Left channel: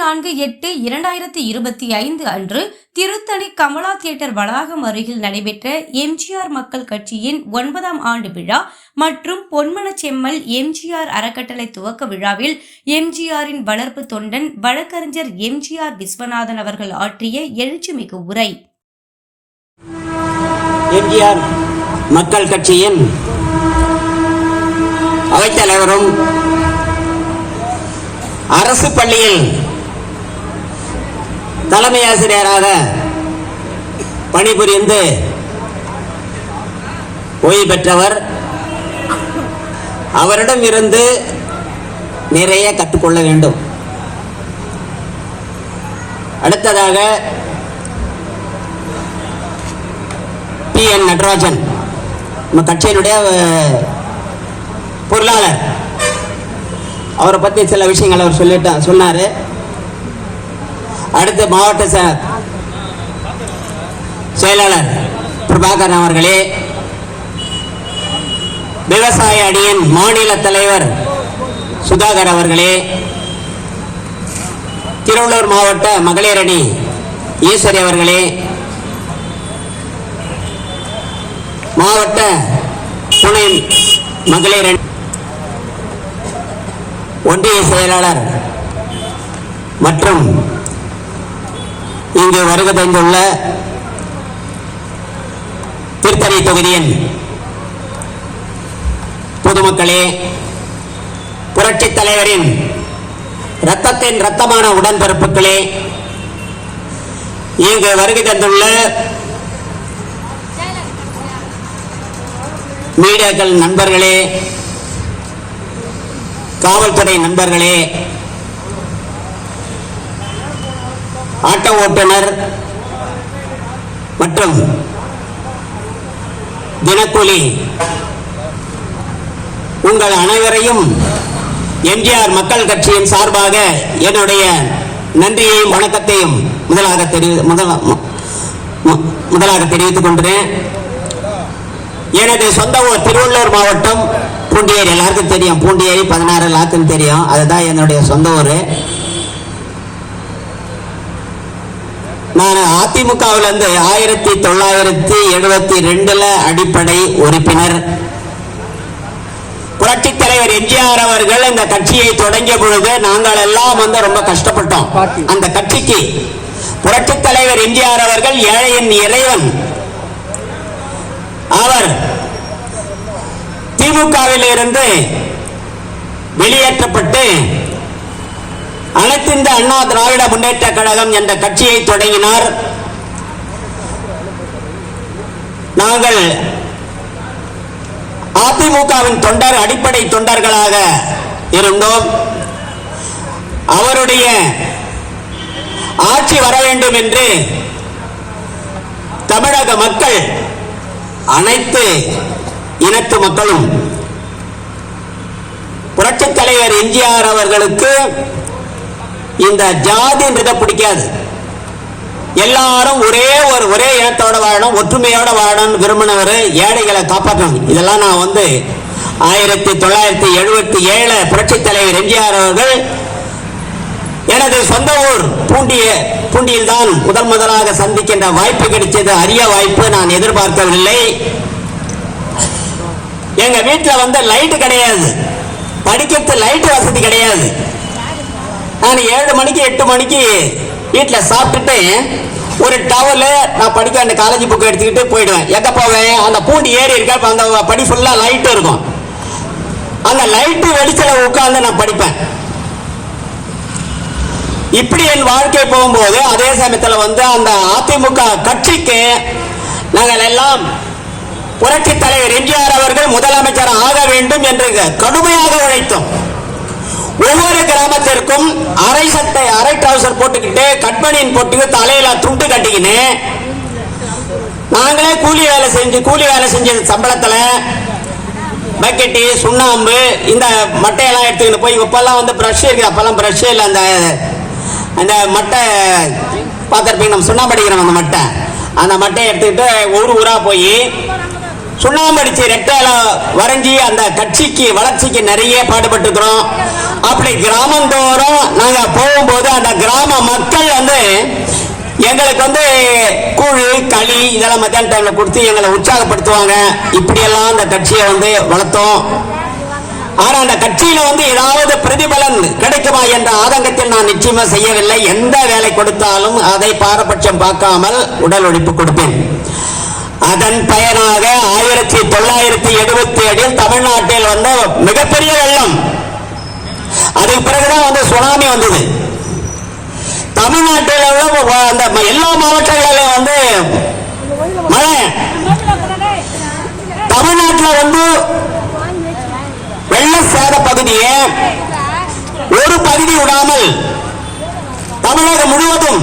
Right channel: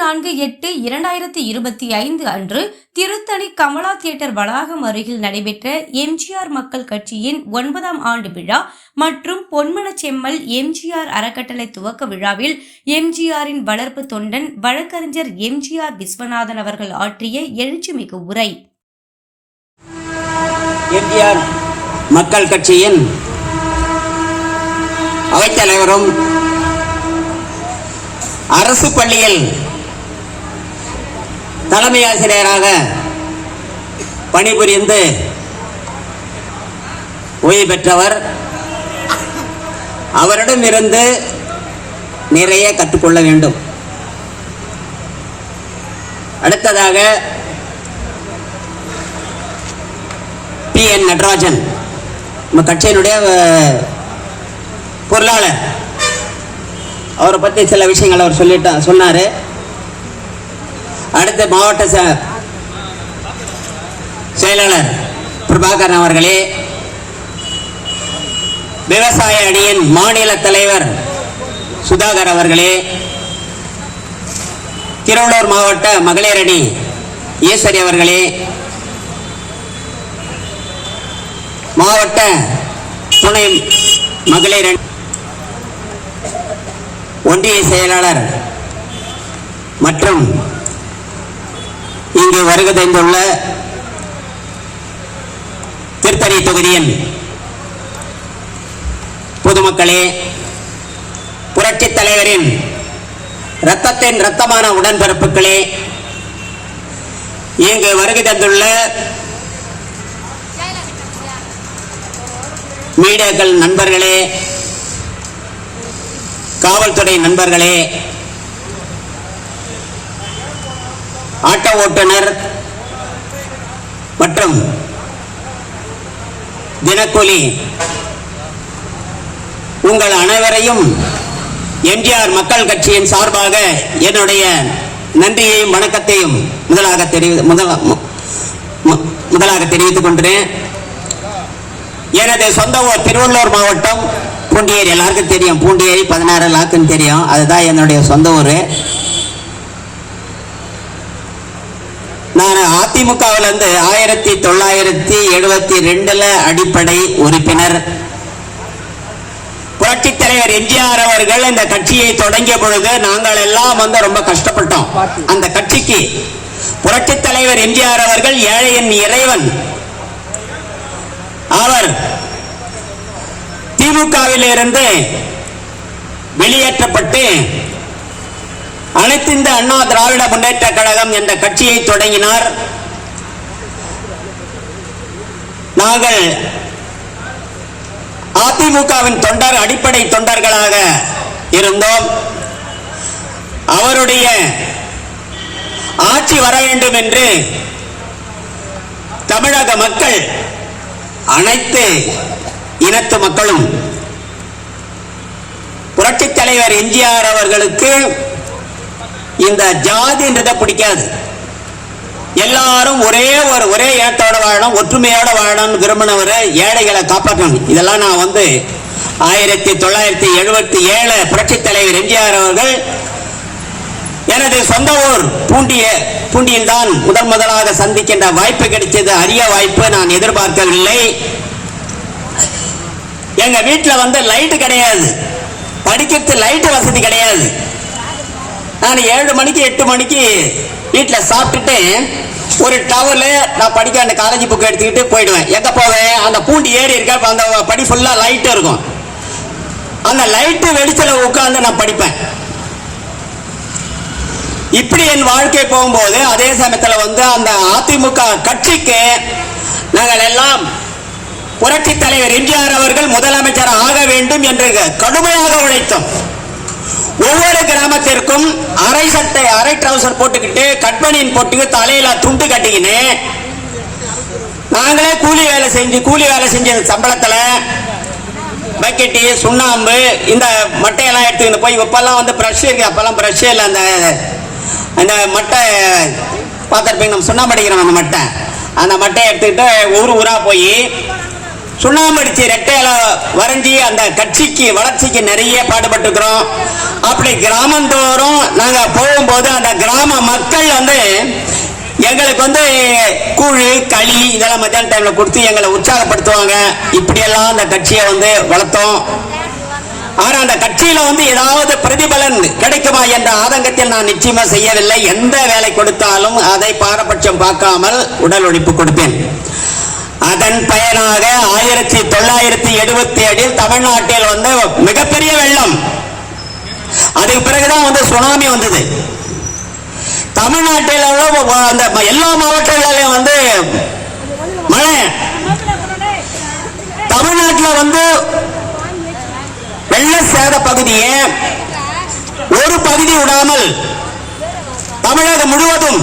24/8/2025 அன்று திருத்தணி கமலா தியேட்டர் வளாகம் அருகில் நடைபெற்ற எம்ஜிஆர் மக்கள் கட்சியின் 9ஆம் ஆண்டு விழா மற்றும் பொன்மனச்செம்மல் எம்ஜிஆர் அறக்கட்டளை துவக்க விழாவில் எம்ஜிஆரின் வளர்ப்பு தொண்டன் வழக்கறிஞர் எம்ஜிஆர் விஸ்வநாதன் அவர்கள் ஆற்றிய எழுச்சிமிகு உரை. எம்ஜிஆர் மக்கள் கட்சியின் அவைத்தலைவரும் அரசு பள்ளியில் தலைமை ஆசிரியராக பணிபுரிந்து ஓய்வு பெற்றவர். அவரிடம் இருந்து நிறைய கற்றுக்கொள்ள வேண்டும். அடுத்ததாக PN நடராஜன் நம்ம கட்சியினுடைய பொருளாளர். அவரை பற்றி சில விஷயங்கள் அவர் சொன்னார். அடுத்து மாவட்ட செயலாளர் பிரபாகரன் அவர்களே, விவசாய அணியின் மாநில தலைவர் சுதாகர் அவர்களே, திருவள்ளூர் மாவட்ட மகளிர் அணி ஈஸ்வரி அவர்களே, மாவட்ட துணை மகளிர் அணி ஒன்றிய செயலாளர் மற்றும் இங்கு வருகை தந்துள்ள திருத்தணி தொகுதியின் பொதுமக்களே, புரட்சித் தலைவரின் இரத்தத்தின் இரத்தமான உடன்பிறப்புகளே, இங்கு வருகை தந்துள்ள மீடியாக்கள் நண்பர்களே, காவல்துறை நண்பர்களே, ஆட்டோ ஓட்டுநர் மற்றும் தினக்கூலி உங்கள் அனைவரையும் எம்ஜிஆர் மக்கள் கட்சியின் சார்பாக என்னுடைய நன்றியையும் வணக்கத்தையும் முதலாக தெரிவித்துக் கொண்டேன். எனது சொந்த ஊர் திருவள்ளூர் மாவட்டம் பூண்டியேரி. எல்லாருக்கும் தெரியும், பூண்டியேரி 16 லாக்குன்னு தெரியும். அதுதான் என்னுடைய சொந்த ஊர். நான் அதிமுகவில் இருந்து 1972 அடிப்படை உறுப்பினர். புரட்சித் தலைவர் எம்ஜிஆர் அவர்கள் இந்த கட்சியை தொடங்கிய பொழுது நாங்கள் எல்லாம் ரொம்ப கஷ்டப்பட்டோம். அந்த கட்சிக்கு புரட்சித் தலைவர் எம்ஜிஆர் அவர்கள் ஏழையின் இறைவன். அவர் திமுகவில் இருந்து வெளியேற்றப்பட்டு அனைத்து இந்த அண்ணா திராவிட முன்னேற்ற கழகம் என்ற கட்சியை தொடங்கினார். நாங்கள் அதிமுகவின் அடிப்படை தொண்டர்களாக இருந்தோம். அவருடைய ஆட்சி வர வேண்டும் என்று தமிழக மக்கள், அனைத்து இனத்து மக்களும் புரட்சித் தலைவர் எம்ஜிஆர் அவர்களுக்கு இந்த ஜாதின்றதை பிடிக்காது. எல்லாரும் ஒரே இனத்தோட வாழணும், ஒற்றுமையோட வாழணும் விரும்பினவர், ஏழைகளை காப்பாற்றணும். இதெல்லாம் நான் 1977 புரட்சித் தலைவர் எம்ஜிஆர் அவர்கள் எனது சொந்த ஊர் பூண்டியில் தான் முதலாக சந்திக்கின்ற வாய்ப்பு கிடைச்சது. அரிய வாய்ப்பு, நான் எதிர்பார்க்கவில்லை. எங்க வீட்டில் லைட் கிடையாது, படிக்கிறது லைட் வசதி கிடையாது. நான் 7 மணிக்கு 8 மணிக்கு வீட்டில் சாப்பிட்டுட்டு ஒரு டவர்ல நான் படிக்க அந்த காலேஜ் புக் எடுத்துக்கிட்டு போயிடுவேன். எங்க போவேன்? அந்த பூண்டி ஏறி இருக்கா, அந்த படி ஃபுல்லா லைட் இருக்கும். அந்த லைட்டு வெளிச்சல உட்கார்ந்து நான் படிப்பேன். இப்படி என் வாழ்க்கை போகும்போது அதே சமயத்தில் அந்த அதிமுக கட்சிக்கு நாங்கள் எல்லாம் புரட்சித் தலைவர் எம்ஜிஆர் அவர்கள் முதலமைச்சர் ஆக வேண்டும் என்று கடுமையாக உழைத்தோம். ஒவ்வொரு கிராமத்திற்கும் அரை சட்டை, அரை ட்ரவுசர் போட்டுக்கிட்டு, கட்மணியின் போட்டு, தலையில துண்டு கட்டிக்கின்னு நாங்களே கூலி வேலை செஞ்ச சம்பளத்துல பக்கெட்டி, சுண்ணாம்பு, இந்த மட்டையெல்லாம் எடுத்துக்கிட்டு போய், இப்பெல்லாம் பிரஷ் இருக்கு, அப்பெல்லாம் பிரஷ் இல்லை, அந்த மட்டை பார்த்துருப்பீங்க, நம்ம சுண்ணாம்பு அடிக்கிறோம், அந்த மட்டையை எடுத்துக்கிட்டு ஊரா போய் சுண்ணாம்பு அடிச்சு ரெட்டையில வரைஞ்சி அந்த கட்சிக்கு வளர்ச்சிக்கு நிறைய பாடுபட்டுக்கிறோம். அப்படி கிராமந்தோறும் நாங்க போகும்போது அந்த கிராம மக்கள் வந்து எங்களுக்கு வந்து கூழ் களி இதெல்லாம் மத்தியான டைம்ல கொடுத்து எங்களை உற்சாகப்படுத்துவாங்க. இப்படியெல்லாம் அந்த கட்சியை வந்து வளர்த்தோம். ஆனா அந்த கட்சியில வந்து ஏதாவது பிரதிபலன் கிடைக்குமா என்ற ஆதங்கத்தில் நான் நிச்சயமா செய்யவில்லை. எந்த வேலை கொடுத்தாலும் அதை பாரபட்சம் பார்க்காமல் உடல் உழைப்பு கொடுப்பேன். அதன் பயனாக 1977 தமிழ்நாட்டில் வந்து மிகப்பெரிய வெள்ளம். அதுக்கு பிறகுதான் வந்து சுனாமி வந்தது. தமிழ்நாட்டில் அந்த எல்லா மாவட்டங்களிலும் வந்து மழை. தமிழ்நாட்டில் வந்து வெள்ள சேத பகுதியை ஒரு பகுதி விடாமல் தமிழகம் முழுவதும்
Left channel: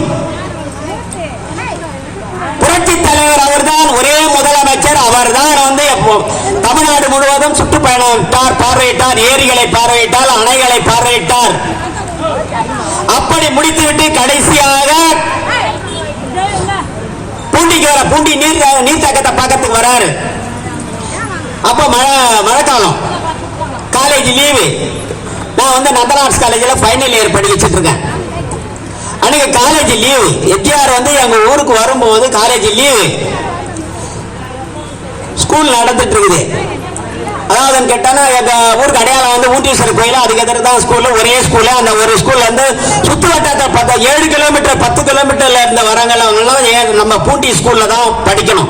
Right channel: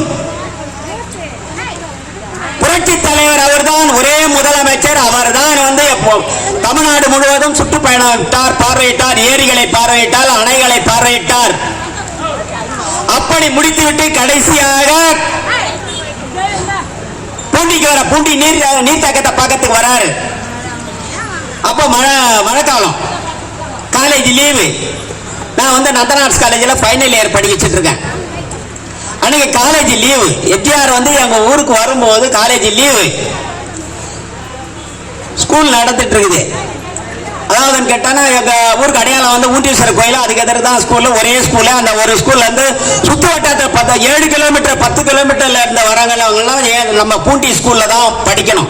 புரட்சி தலைவர் அவர்தான் ஒரே முதலமைச்சர். அவர்தான் வந்து தமிழ்நாடு முழுவதும் சுற்றுப்பயணம் பார்வையிட்டார், ஏரிகளை பார்வையிட்டார், அணைகளை பார்வையிட்டார். அப்படி முடித்துவிட்டு கடைசியாக பூண்டி நீர்த்தக்கத்தை பக்கத்துக்கு வராரு. அப்ப மழைக்காலம், காலேஜ் லீவு. நான் வந்து நந்தனார்ஸ் காலேஜில் ஃபைனல் இயர் படிச்சுட்டு இருக்கேன். அன்னைக்கு காலேஜ் லீவு. எம்ஜிஆர் வந்து எங்க ஊருக்கு வரும்போது காலேஜ் லீவு. ஸ்கூல் நடந்துட்டு இருக்குது. அதாவது கேட்டானா எங்க ஊருக்கு அடையாளம் வந்து ஊண்டீஸ்வரர் கோயில், அதுக்கு எதிர்த்து தான் ஸ்கூல்ல ஒரே ஸ்கூல்ல அந்த ஒரு ஸ்கூல்ல இருந்து சுத்து வட்டாரத்தை பார்த்தா 7 கிலோமீட்டர் 10 கிலோமீட்டர்ல இருந்த வரவங்கெல்லாம் நம்ம பூண்டி ஸ்கூல்ல தான் படிக்கணும்.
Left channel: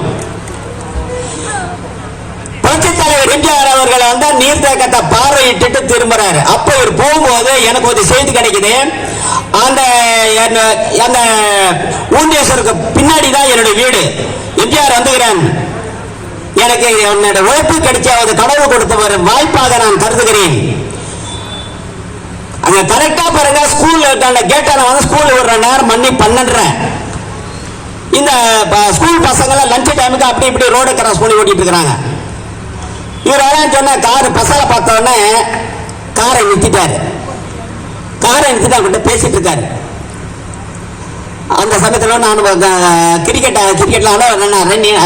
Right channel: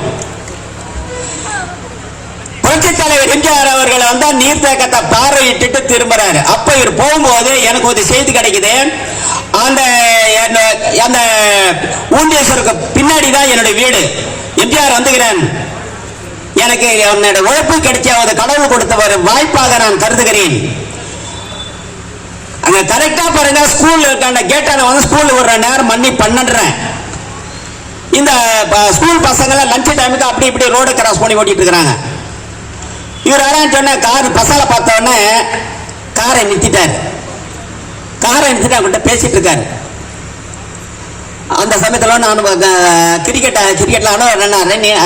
புரட்சி தலைவர் எம்ஜிஆர் அவர்களை வந்து நீர்த்தேக்கத்தை பார்வையிட்டு திரும்புறாரு. அப்ப இவர் போகும்போது எனக்கு ஒரு செய்தி கிடைக்குது. அந்த ஊண்டீஸ்வருக்கு பின்னாடி தான் என்னுடைய வீடு. எம்ஜிஆர் வந்துகிறேன், எனக்கு என்னோட உழைப்பு கிடைச்ச ஒரு கடவுள் கொடுத்த ஒரு வாய்ப்பாக நான் கருதுகிறேன். அங்க கரெக்டா பாருங்க, ஸ்கூல்ல இருக்க கேட்டால வந்து ஸ்கூல்ல விடுற நேரம் மணி 12:30. இந்த ஸ்கூல் பசங்க லஞ்ச் டைமுக்கு அப்படி இப்படி ரோடு கிராஸ் பண்ணி ஓட்டிட்டு இருக்காங்க. இவர் வரான்னு சொன்ன கார் பசங்க பார்த்த உடனே காரை நிறுத்திட்டாரு. காரை நிறுத்திட்டு அவங்ககிட்ட பேசிட்டு இருக்காரு. அந்த சமயத்துல நான் கிரிக்கெட்ல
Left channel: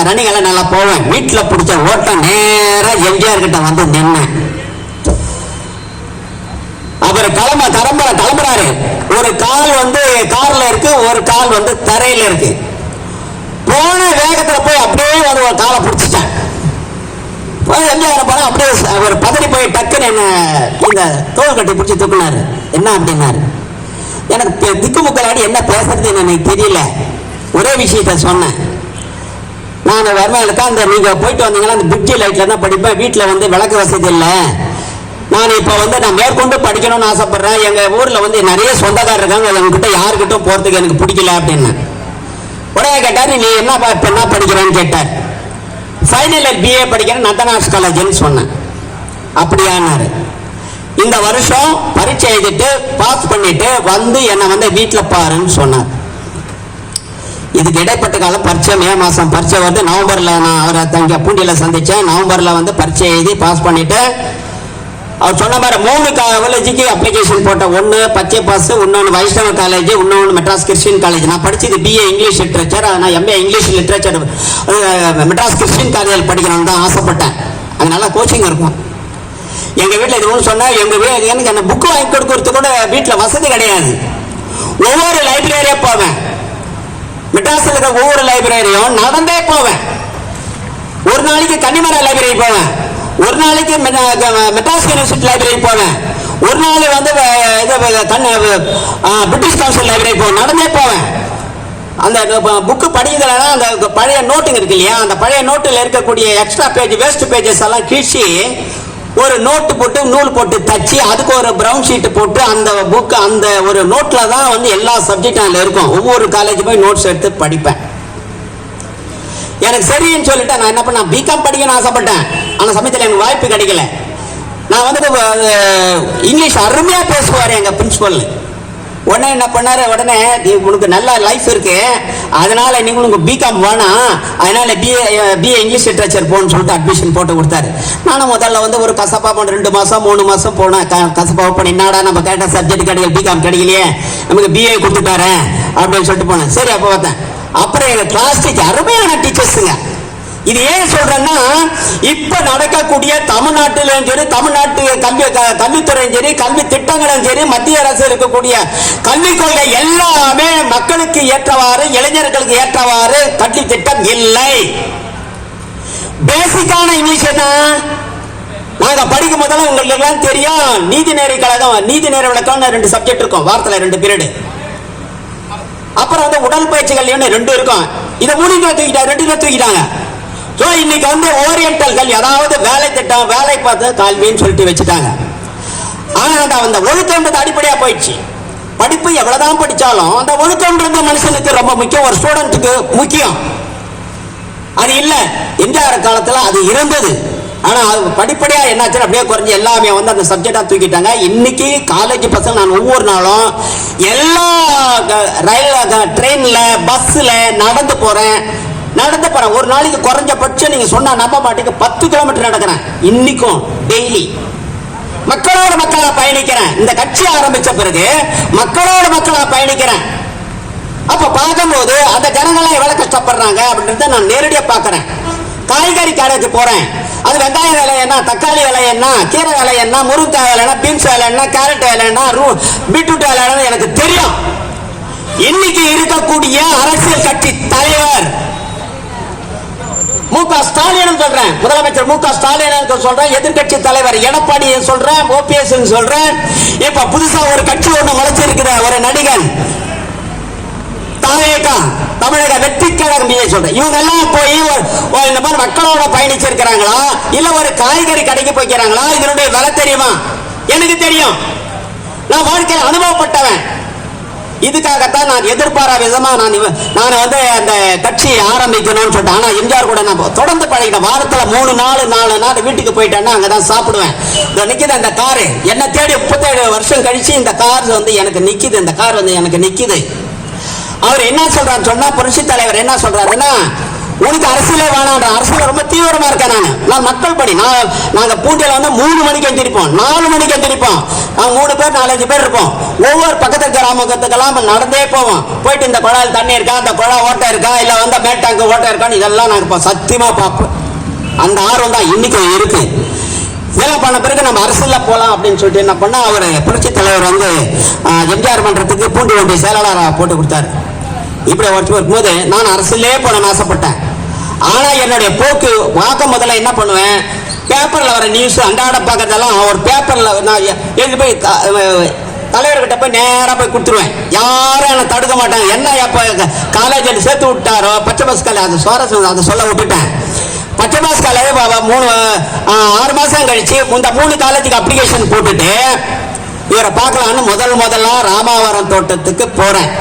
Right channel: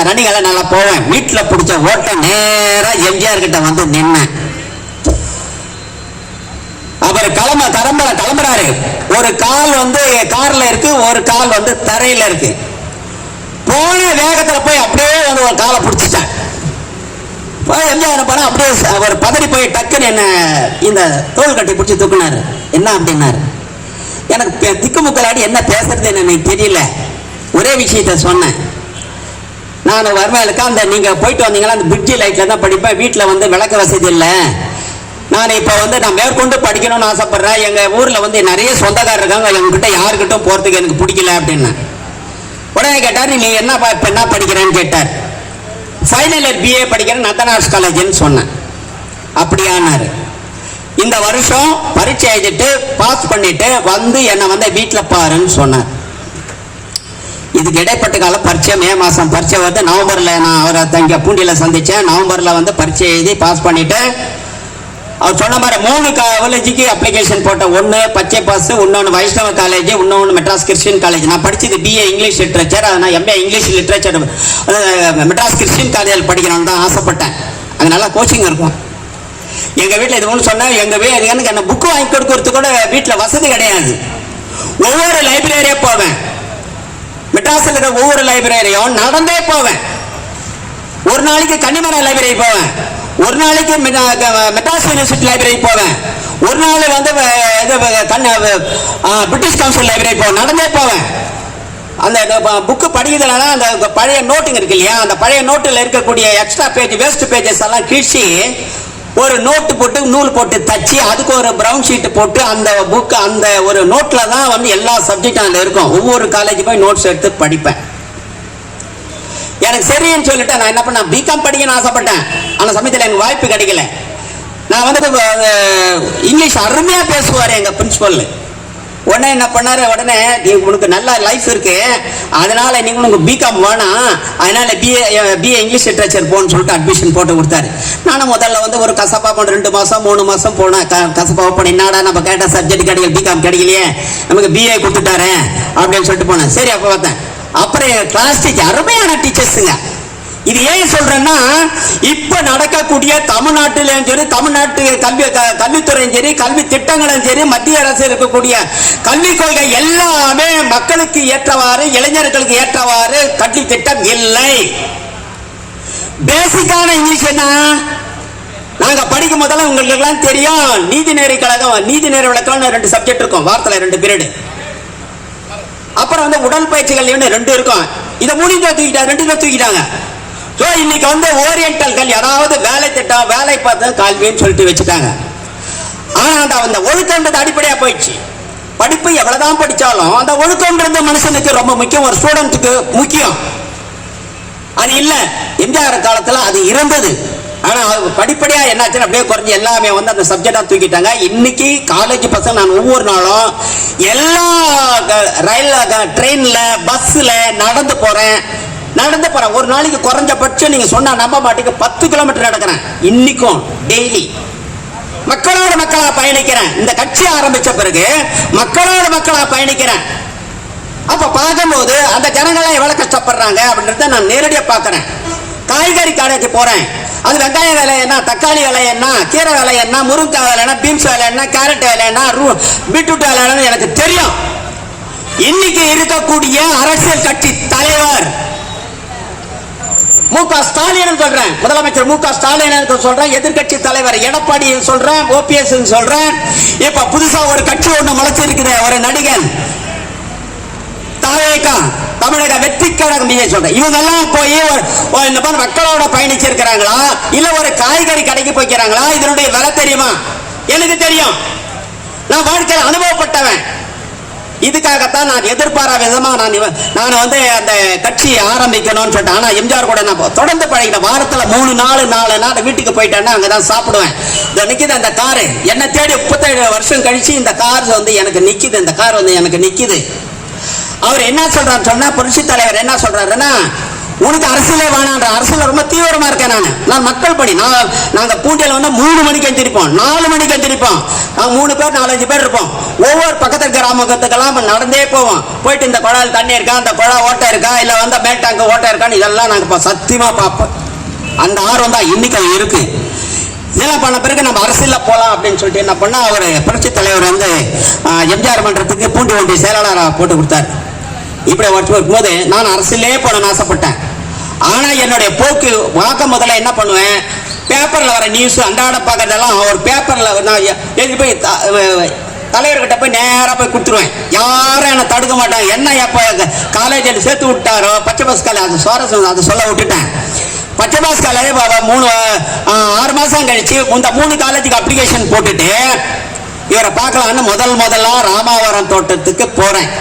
ரன்னிங் நல்லா போவேன். வீட்டுல பிடிச்ச ஓட்டம் நேரா எம்ஜிஆர் கிட்ட வந்து நின்னேன். அவர் கிளம்புறாரு. ஒரு கால் வந்து கார்ல இருக்கு, ஒரு கால் வந்து தரையில இருக்கு. போன வேகத்துல போய் அப்படியே வந்து ஒரு காலை பிடிச்சிட்டேன். எம்ஜிஆர் படம் அப்படியே அவர் பதறி போய் டக்குன்னு என்ன இந்த தோல் கட்டி பிடிச்சி தூக்குனாரு. என்ன அப்படின்னாரு. எனக்கு திக்குமுக்கலாடி என்ன பேசுறது எனக்கு தெரியல. ஒரே விஷயத்த சொன்னேன். நான் வறுமையிலுக்கா அந்த நீங்க போயிட்டு வந்தீங்கன்னா அந்த பிரிட்ஜி லைட்ல தான் படிப்பேன். வீட்டுல வந்து விளக்கு வசதி இல்லை. நான் இப்ப வந்து நான் மேற்கொண்டு படிக்கணும்னு ஆசைப்படுறேன். எங்க ஊர்ல வந்து நிறைய சொந்தக்காரர் இருக்காங்க, உங்ககிட்ட யாருக்கிட்ட போறதுக்கு எனக்கு பிடிக்கல அப்படின்னு. உடனே கேட்டார், நீ என்ன படிக்கிறேன்னு கேட்டார். ஃபைனல் இயர் BA படிக்கிறேன் நந்தனார்ஸ் காலேஜ்னு சொன்னேன். அப்படியானாரு. இந்த வருஷம் பரீட்சை எழுதிட்டு பாஸ் பண்ணிட்டு வந்து என்ன வந்து வீட்டுல பாருன்னு சொன்னார். இதுக்கு இடைப்பட்ட காலம் பரீட்சை, மே மாசம் பரீட்சை வந்து நவம்பர்ல நான் அவரை தங்க பூண்டியில சந்திச்சேன். நவம்பர்ல வந்து பரீட்சை எழுதி பாஸ் பண்ணிட்டு அவர் சொன்ன மாதிரி 3 காலேஜுக்கு அப்ளிகேஷன் போட்டேன். ஒன்னு பச்சை பாஸ், இன்னொன்னு வைஷ்ணவ காலேஜ், இன்னொன்னு மெட்ராஸ் கிறிஸ்டியன் காலேஜ். நான் படிச்சது BA இங்கிலீஷ் லிட்ரேச்சர். நான் MA English literature Madras Christian college படிக்கணும்னு தான் ஆசைப்பட்டேன். அதனால கோச்சிங் இருக்கும். எங்க வீட்டுல இது ஒன்று சொன்னா எங்க எனக்கு அந்த புக்கு வாங்கி கொடுக்கறது கூட வீட்டுல வசதி கிடையாது. ஒவ்வொரு லைப்ரரியே போவேன். மெட்ராஸ்ல இருக்க ஒவ்வொரு லைப்ரரியும் நடந்தே போவேன். ஒரு நாளைக்கு கன்னிமரா லைப்ரரி போவேன், ஒரு நாளைக்கு மெட்ராஸ் யூனிவர்சிட்டி லைப்ரரி போவேன், ஒரு நாள் வந்து பிரிட்டிஷ் கவுன்சில் லைப்ரரி போவேன். நடந்தே போவேன். அந்த புக்கு படிக்கிறதுனா அந்த பழைய நோட்டுங்க இருக்கு இல்லையா, அந்த பழைய நோட்டுல இருக்கக்கூடிய எக்ஸ்ட்ரா பேஜ் வேஸ்ட் பேஜஸ் எல்லாம் கீழ்ச்சி ஒரு நோட்டு போட்டு நூல் போட்டு தச்சு அதுக்கு ஒரு பிரவுன் ஷீட் போட்டு அந்த புக் அந்த ஒரு நோட்ல தான் வந்து எல்லா சப்ஜெக்டும் அதுல இருக்கும். ஒவ்வொரு காலேஜ் போய் நோட்ஸ் எடுத்து படிப்பேன். எனக்கு சரின்னு சொல்லிட்டு நான் என்ன பண்ண பிகாம் படிக்கணும்னு ஆசைப்பட்டேன். ஆனா சமயத்தில் எனக்கு வாய்ப்பு கிடைக்கல. நான் வந்து இங்கிலீஷ் அருமையா பேசுவார் எங்க பிரின்சிபல். உடனே என்ன பண்ணாரு, உடனே உனக்கு நல்ல லைஃப் இருக்கு, அதனால நீங்க உனக்கு பிகாம் வேணாம், அதனால BA இங்கிலீஷ் லிட்ரேச்சர் போன்னு சொல்லிட்டு அட்மிஷன் போட்டு கொடுத்தாரு. நானும் முதல்ல வந்து ஒரு கசப்பா போன 2 மாசம் 3 மாசம் போனேன். கசப்பா போன என்னடா நம்ம கேட்ட சப்ஜெக்ட் கிடைக்கல, பிகாம் கிடைக்கலையே, நமக்கு BA கொடுத்துட்டாரு அப்படின்னு சொல்லிட்டு போனேன். சரி அப்ப பார்த்தேன். அப்புறம் கிளாஸ் டீச்சர் அருமையான டீச்சர்ஸுங்க, இது ஏன் சொல்றேன்னா, இப்ப நடக்கக்கூடிய தமிழ்நாட்டிலும் சரி, தமிழ்நாட்டு கல்வித்துறையும் சரி, கல்வி திட்டங்களும் சரி, மத்திய அரசு இருக்கக்கூடிய கல்விக் கொள்கை எல்லாமே மக்களுக்கு ஏற்றவாறு, இளைஞர்களுக்கு ஏற்றவாறு கல்வி திட்டம் இல்லை. பேசிக்கான இங்கிலீஷ் தான். நாங்க படிக்கும் போதெல்லாம் உங்களுக்கு எல்லாம் தெரியும், நீதிநெறி கழகம், நீதிநெறி விளக்கம் 2 சப்ஜெக்ட் இருக்கும், வாரத்துல 2 பீரியட். அப்புறம் வந்து உடற்பயிற்சி கல்வி 2 இருக்கும். இதை மூணு தூக்கிட்டாங்க. இன்னைக்கு வந்து ஓரியன்டல் கல்வி, அதாவது வேலை திட்டம், வேலை பார்த்து கல்வின்னு சொல்லிட்டு வச்சுட்டாங்க. ஆனா அந்த ஒழுக்கம்ன்றது அடிப்படையா போயிடுச்சு. படிப்பு எவ்வளவுதான் படிச்சாலும் அந்த ஒழுக்கம்ன்றது மனுஷனுக்கு ரொம்ப முக்கியம், ஒரு ஸ்டூடெண்ட்டுக்கு முக்கியம். அது இல்ல, எம்ஜிஆர் காலத்துல அது இருந்தது. ஆனா படிப்படியா என்னாச்சு, அப்படியே குறைஞ்சி எல்லாமே வந்து அந்த சப்ஜெக்டா தூக்கிட்டாங்க. இன்னைக்கு காலேஜ் பசங்க நான் ஒவ்வொரு நாளும் எல்லா ரயில், ட்ரெயின்ல, பஸ்ல நடந்து போறேன். ஒரு நாளைக்கு குறைஞ்சபட்சம் நீங்க சொன்னா நம்ப மாட்டீங்க, 10 கிலோமீட்டர் நடக்கிறேன். இன்னைக்கும் டெய்லி மக்களோட மக்களா பயணிக்கிறேன். இந்த கட்சி ஆரம்பிச்ச பிறகு மக்களோட மக்களா பயணிக்கிறேன். அப்ப பார்க்கும்போது அந்த ஜனங்களை எவ்வளவு கஷ்டப்படுறாங்க அப்படின்றத நான் நேரடியா பாக்குறேன். காய்கறி கடைக்கு போறேன், அது வெங்காய விலை என்ன, தக்காளி விலை என்ன, கீரை விலை என்ன, முருங்கைக்காய் விலை என்ன, பீன்ஸ் விலை என்ன, கேரட் விலை என்ன, பீட்ரூட் விலை என்ன எனக்கு தெரியும். இன்னைக்கு இருக்கக்கூடிய அரசியல் கட்சி தலைவர் மு.க. ஸ்டாலின் சொல்றேன், முதலமைச்சர் மு.க. ஸ்டாலின் சொல்றேன், எதிர்கட்சி தலைவர் எடப்பாடி சொல்றேன், ஓபிஎஸ் சொல்றேன். இப்ப புதுசா ஒரு கட்சி ஒன்று முளைச்சிருக்கிற ஒரு நடிகன் தமிழக வெற்றி கழகம் சொல்றேன். இவங்க எல்லாம் போய் இந்த மாதிரி மக்களோட பயணிச்சிருக்கிறாங்களா, இல்ல ஒரு காய்கறி கடைக்கு போய்க்கிறாங்களா? இதனுடைய விலை தெரியுமா? எனக்கு தெரியும். நான் வாழ்க்கையில் அனுபவப்பட்டவன். இதுக்காகத்தான் நான் எதிர்பாரா விதமா நான் வந்து அந்த கட்சி ஆரம்பிக்கணும்னு சொல்லிட்டேன். ஆனா எம்ஜிஆர் கூட நான் தொடர்ந்து பழகினேன். வாரத்துல 4 நாள் வீட்டுக்கு போயிட்டேன்னா அங்கதான் சாப்பிடுவேன். இந்த நிக்குது அந்த காரு, என்ன தேடி 37 வருஷம் கழிச்சு இந்த கார் வந்து எனக்கு நிக்குது. இந்த கார் வந்து எனக்கு நிக்குது. அவர் என்ன சொல்றாரு சொன்னா, புரட்சி தலைவர் என்ன சொல்றாருன்னா, உனக்கு அரசியலே வேணான்ற, அரசியல் ரொம்ப தீவிரமா இருக்கேன். நான் மக்கள் படி, நாங்க பூண்டியில வந்து 3 மணிக்கு எந்திரிப்போம், 4 மணிக்கு எந்திரிப்போம். நாங்க 3 பேர் 4-5 பேர் இருப்போம். ஒவ்வொரு பக்கத்து கிராமத்துக்கெல்லாம் நடந்தே போவோம். போயிட்டு இந்த குழாயில் தண்ணி இருக்கா, அந்த குழா ஓட்டை இருக்கா, இல்ல வந்து மேட்டாங்க ஓட்டை இருக்கான்னு இதெல்லாம் நாங்க சத்தியமா பார்ப்போம். அந்த ஆர்வம் தான் இன்னைக்கும் இருக்கு. இதெல்லாம் பண்ண பிறகு நம்ம அரசியல போலாம் அப்படின்னு சொல்லிட்டு என்ன பண்ணா, அவர் புரட்சி தலைவர் வந்து எம்ஜிஆர் மன்றத்துக்கு பூண்டி ஒன்றிய செயலாளராக போட்டு கொடுத்தாரு. இப்படி போது நான் அரசியலே போன ஆசைப்பட்டேன். ஆனா என்னுடைய போக்கு வழக்கம் முதல்ல என்ன பண்ணுவேன், பேப்பர்ல வர நியூஸ் அன்றாட பாக்குறதெல்லாம் ஒரு பேப்பர்ல நான் எழுதி போய் தலைவர்கிட்ட போய் நேரா போய் கொடுத்துருவேன். யாரும் என்ன தடுக்க மாட்டாங்க. என்ன எப்ப காலேஜ் சேர்த்து விட்டாரோ, பச்சை பஸ் காலேஜ், அது சுவாரஸ்யம், அதை சொல்ல விட்டுட்டேன். பச்சை பஸ் காலேஜ் 6 மாசம் கழிச்சு இந்த 3 காலேஜுக்கு அப்ளிகேஷன் போட்டுட்டு இவரை பார்க்கலான்னு முதல்ல ராமாவரம் தோட்டத்துக்கு போறேன்.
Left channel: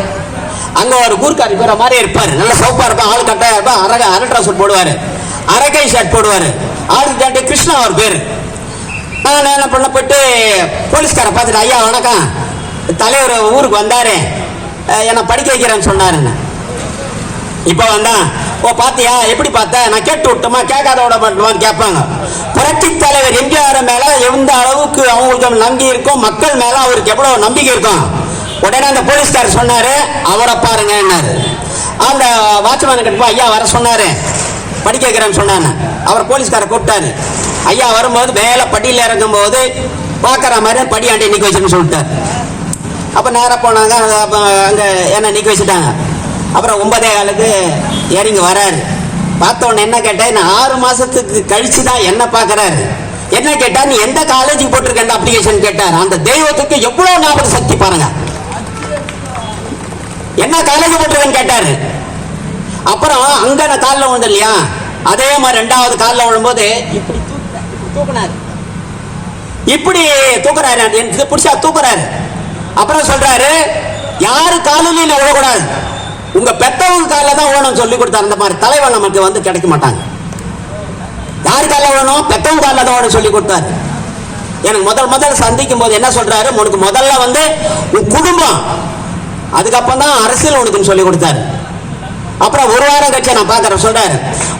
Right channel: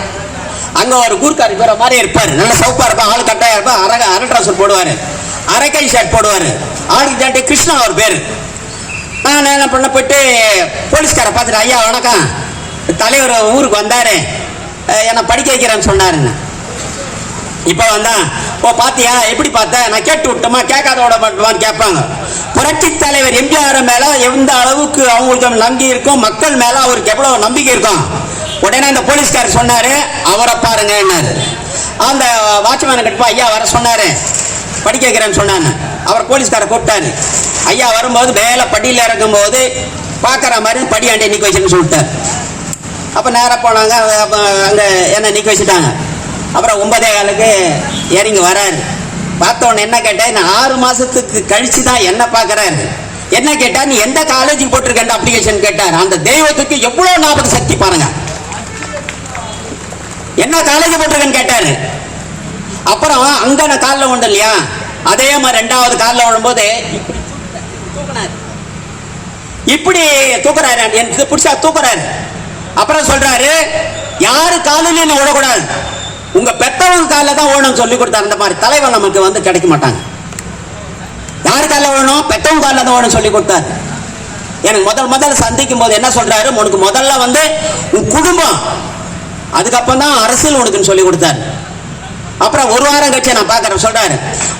அங்க ஒரு கூர்க்காரி போற மாதிரி இருப்பாரு, நல்ல சோப்பா இருப்பா, ஆள் கட்டாயா இருப்பா, அரை ட்ரெஸ் போடுவாரு, அரைக்கை ஷர்ட் போடுவாரு, ஆளுக்கு தாண்டி கிருஷ்ணா அவர் பேரு. நான் என்ன பண்ண போயிட்டு போலீஸ்கார பார்த்துட்டு, ஐயா வணக்கம், தலைவர் ஊருக்கு வந்தாரு, என்ன படிக்க வைக்கிறேன்னு சொன்னாருன்னு. இப்ப வந்தா, ஓ பாத்தியா, எப்படி பார்த்த, நான் கேட்டு விட்டோமா, கேட்காத விட மாட்டோமான்னு கேட்பாங்க. புரட்சி தலைவர் எம்ஜிஆர் மேல எந்த அளவுக்கு அவங்களுக்கு நம்பி இருக்கும், மக்கள் மேல அவருக்கு எவ்வளவு நம்பிக்கை இருக்கும். உடனே அந்த போலீஸ்காரர் சொன்னாரு, அவரை பாருங்க. அந்த வாட்ச்மேன் கிட்ட ஐயா வர சொன்னாரு, படிக்க வைக்கிறேன்னு சொன்னாரு. அவர் போலீஸ்காரர் கூப்பிட்டாரு. ஐயா வரும்போது மேல படியில இறங்கும் போது பாக்குற மாதிரி படியாண்டி நிக்க வச்சுன்னு சொல்லிட்டாரு. அப்ப நேரம் போனாங்க, அங்க என்ன நிக்க வச்சுட்டாங்க. அப்புறம் 9:15 இறங்கி வராரு. பார்த்த உடனே என்ன கேட்டேன், 6 மாசத்துக்கு கழிச்சுதான் என்ன பாக்குறாரு. என்ன கேட்டா, நீ எந்த காலேஜுக்கு போட்டிருக்க அப்ளிகேஷன் கேட்டாரு. அந்த தெய்வத்துக்கு எவ்வளவு ஞாபக சக்தி பாருங்க. என்ன காலேஜ் போட்டிருக்கேன்னு கேட்டாரு. அப்புறம் அங்க நான் காலில் விழுந்த இல்லையா, அதே மாதிரி 2வது காலில் விழும்போது இப்படி தூக்குறாரு, எனக்கு பிடிச்சா தூக்குறாரு. அப்புறம் சொல்றாரு, யாரு காலிலையும் விழக்கூடாது, உங்க பெத்தவங்க காலில் தான் ஓடணும் சொல்லி கொடுத்தாரு. அந்த மாதிரி தலைவர் நமக்கு வந்து கிடைக்க மாட்டாங்க. யாரு காலில் ஓடணும், பெத்தவங்க காலில் தான் ஓடணும் சொல்லி கொடுத்தாரு. எனக்கு முதல்ல சந்திக்கும் போது என்ன சொல்றாரு, உனக்கு முதல்ல வந்து உன் குடும்பம், அதுக்கப்புறம் தான் அரசியல் உனக்குன்னு சொல்லி கொடுத்தாரு. அப்புறம் 1 வாரம் கட்சி நான் பாக்குறேன் சொல்றாரு,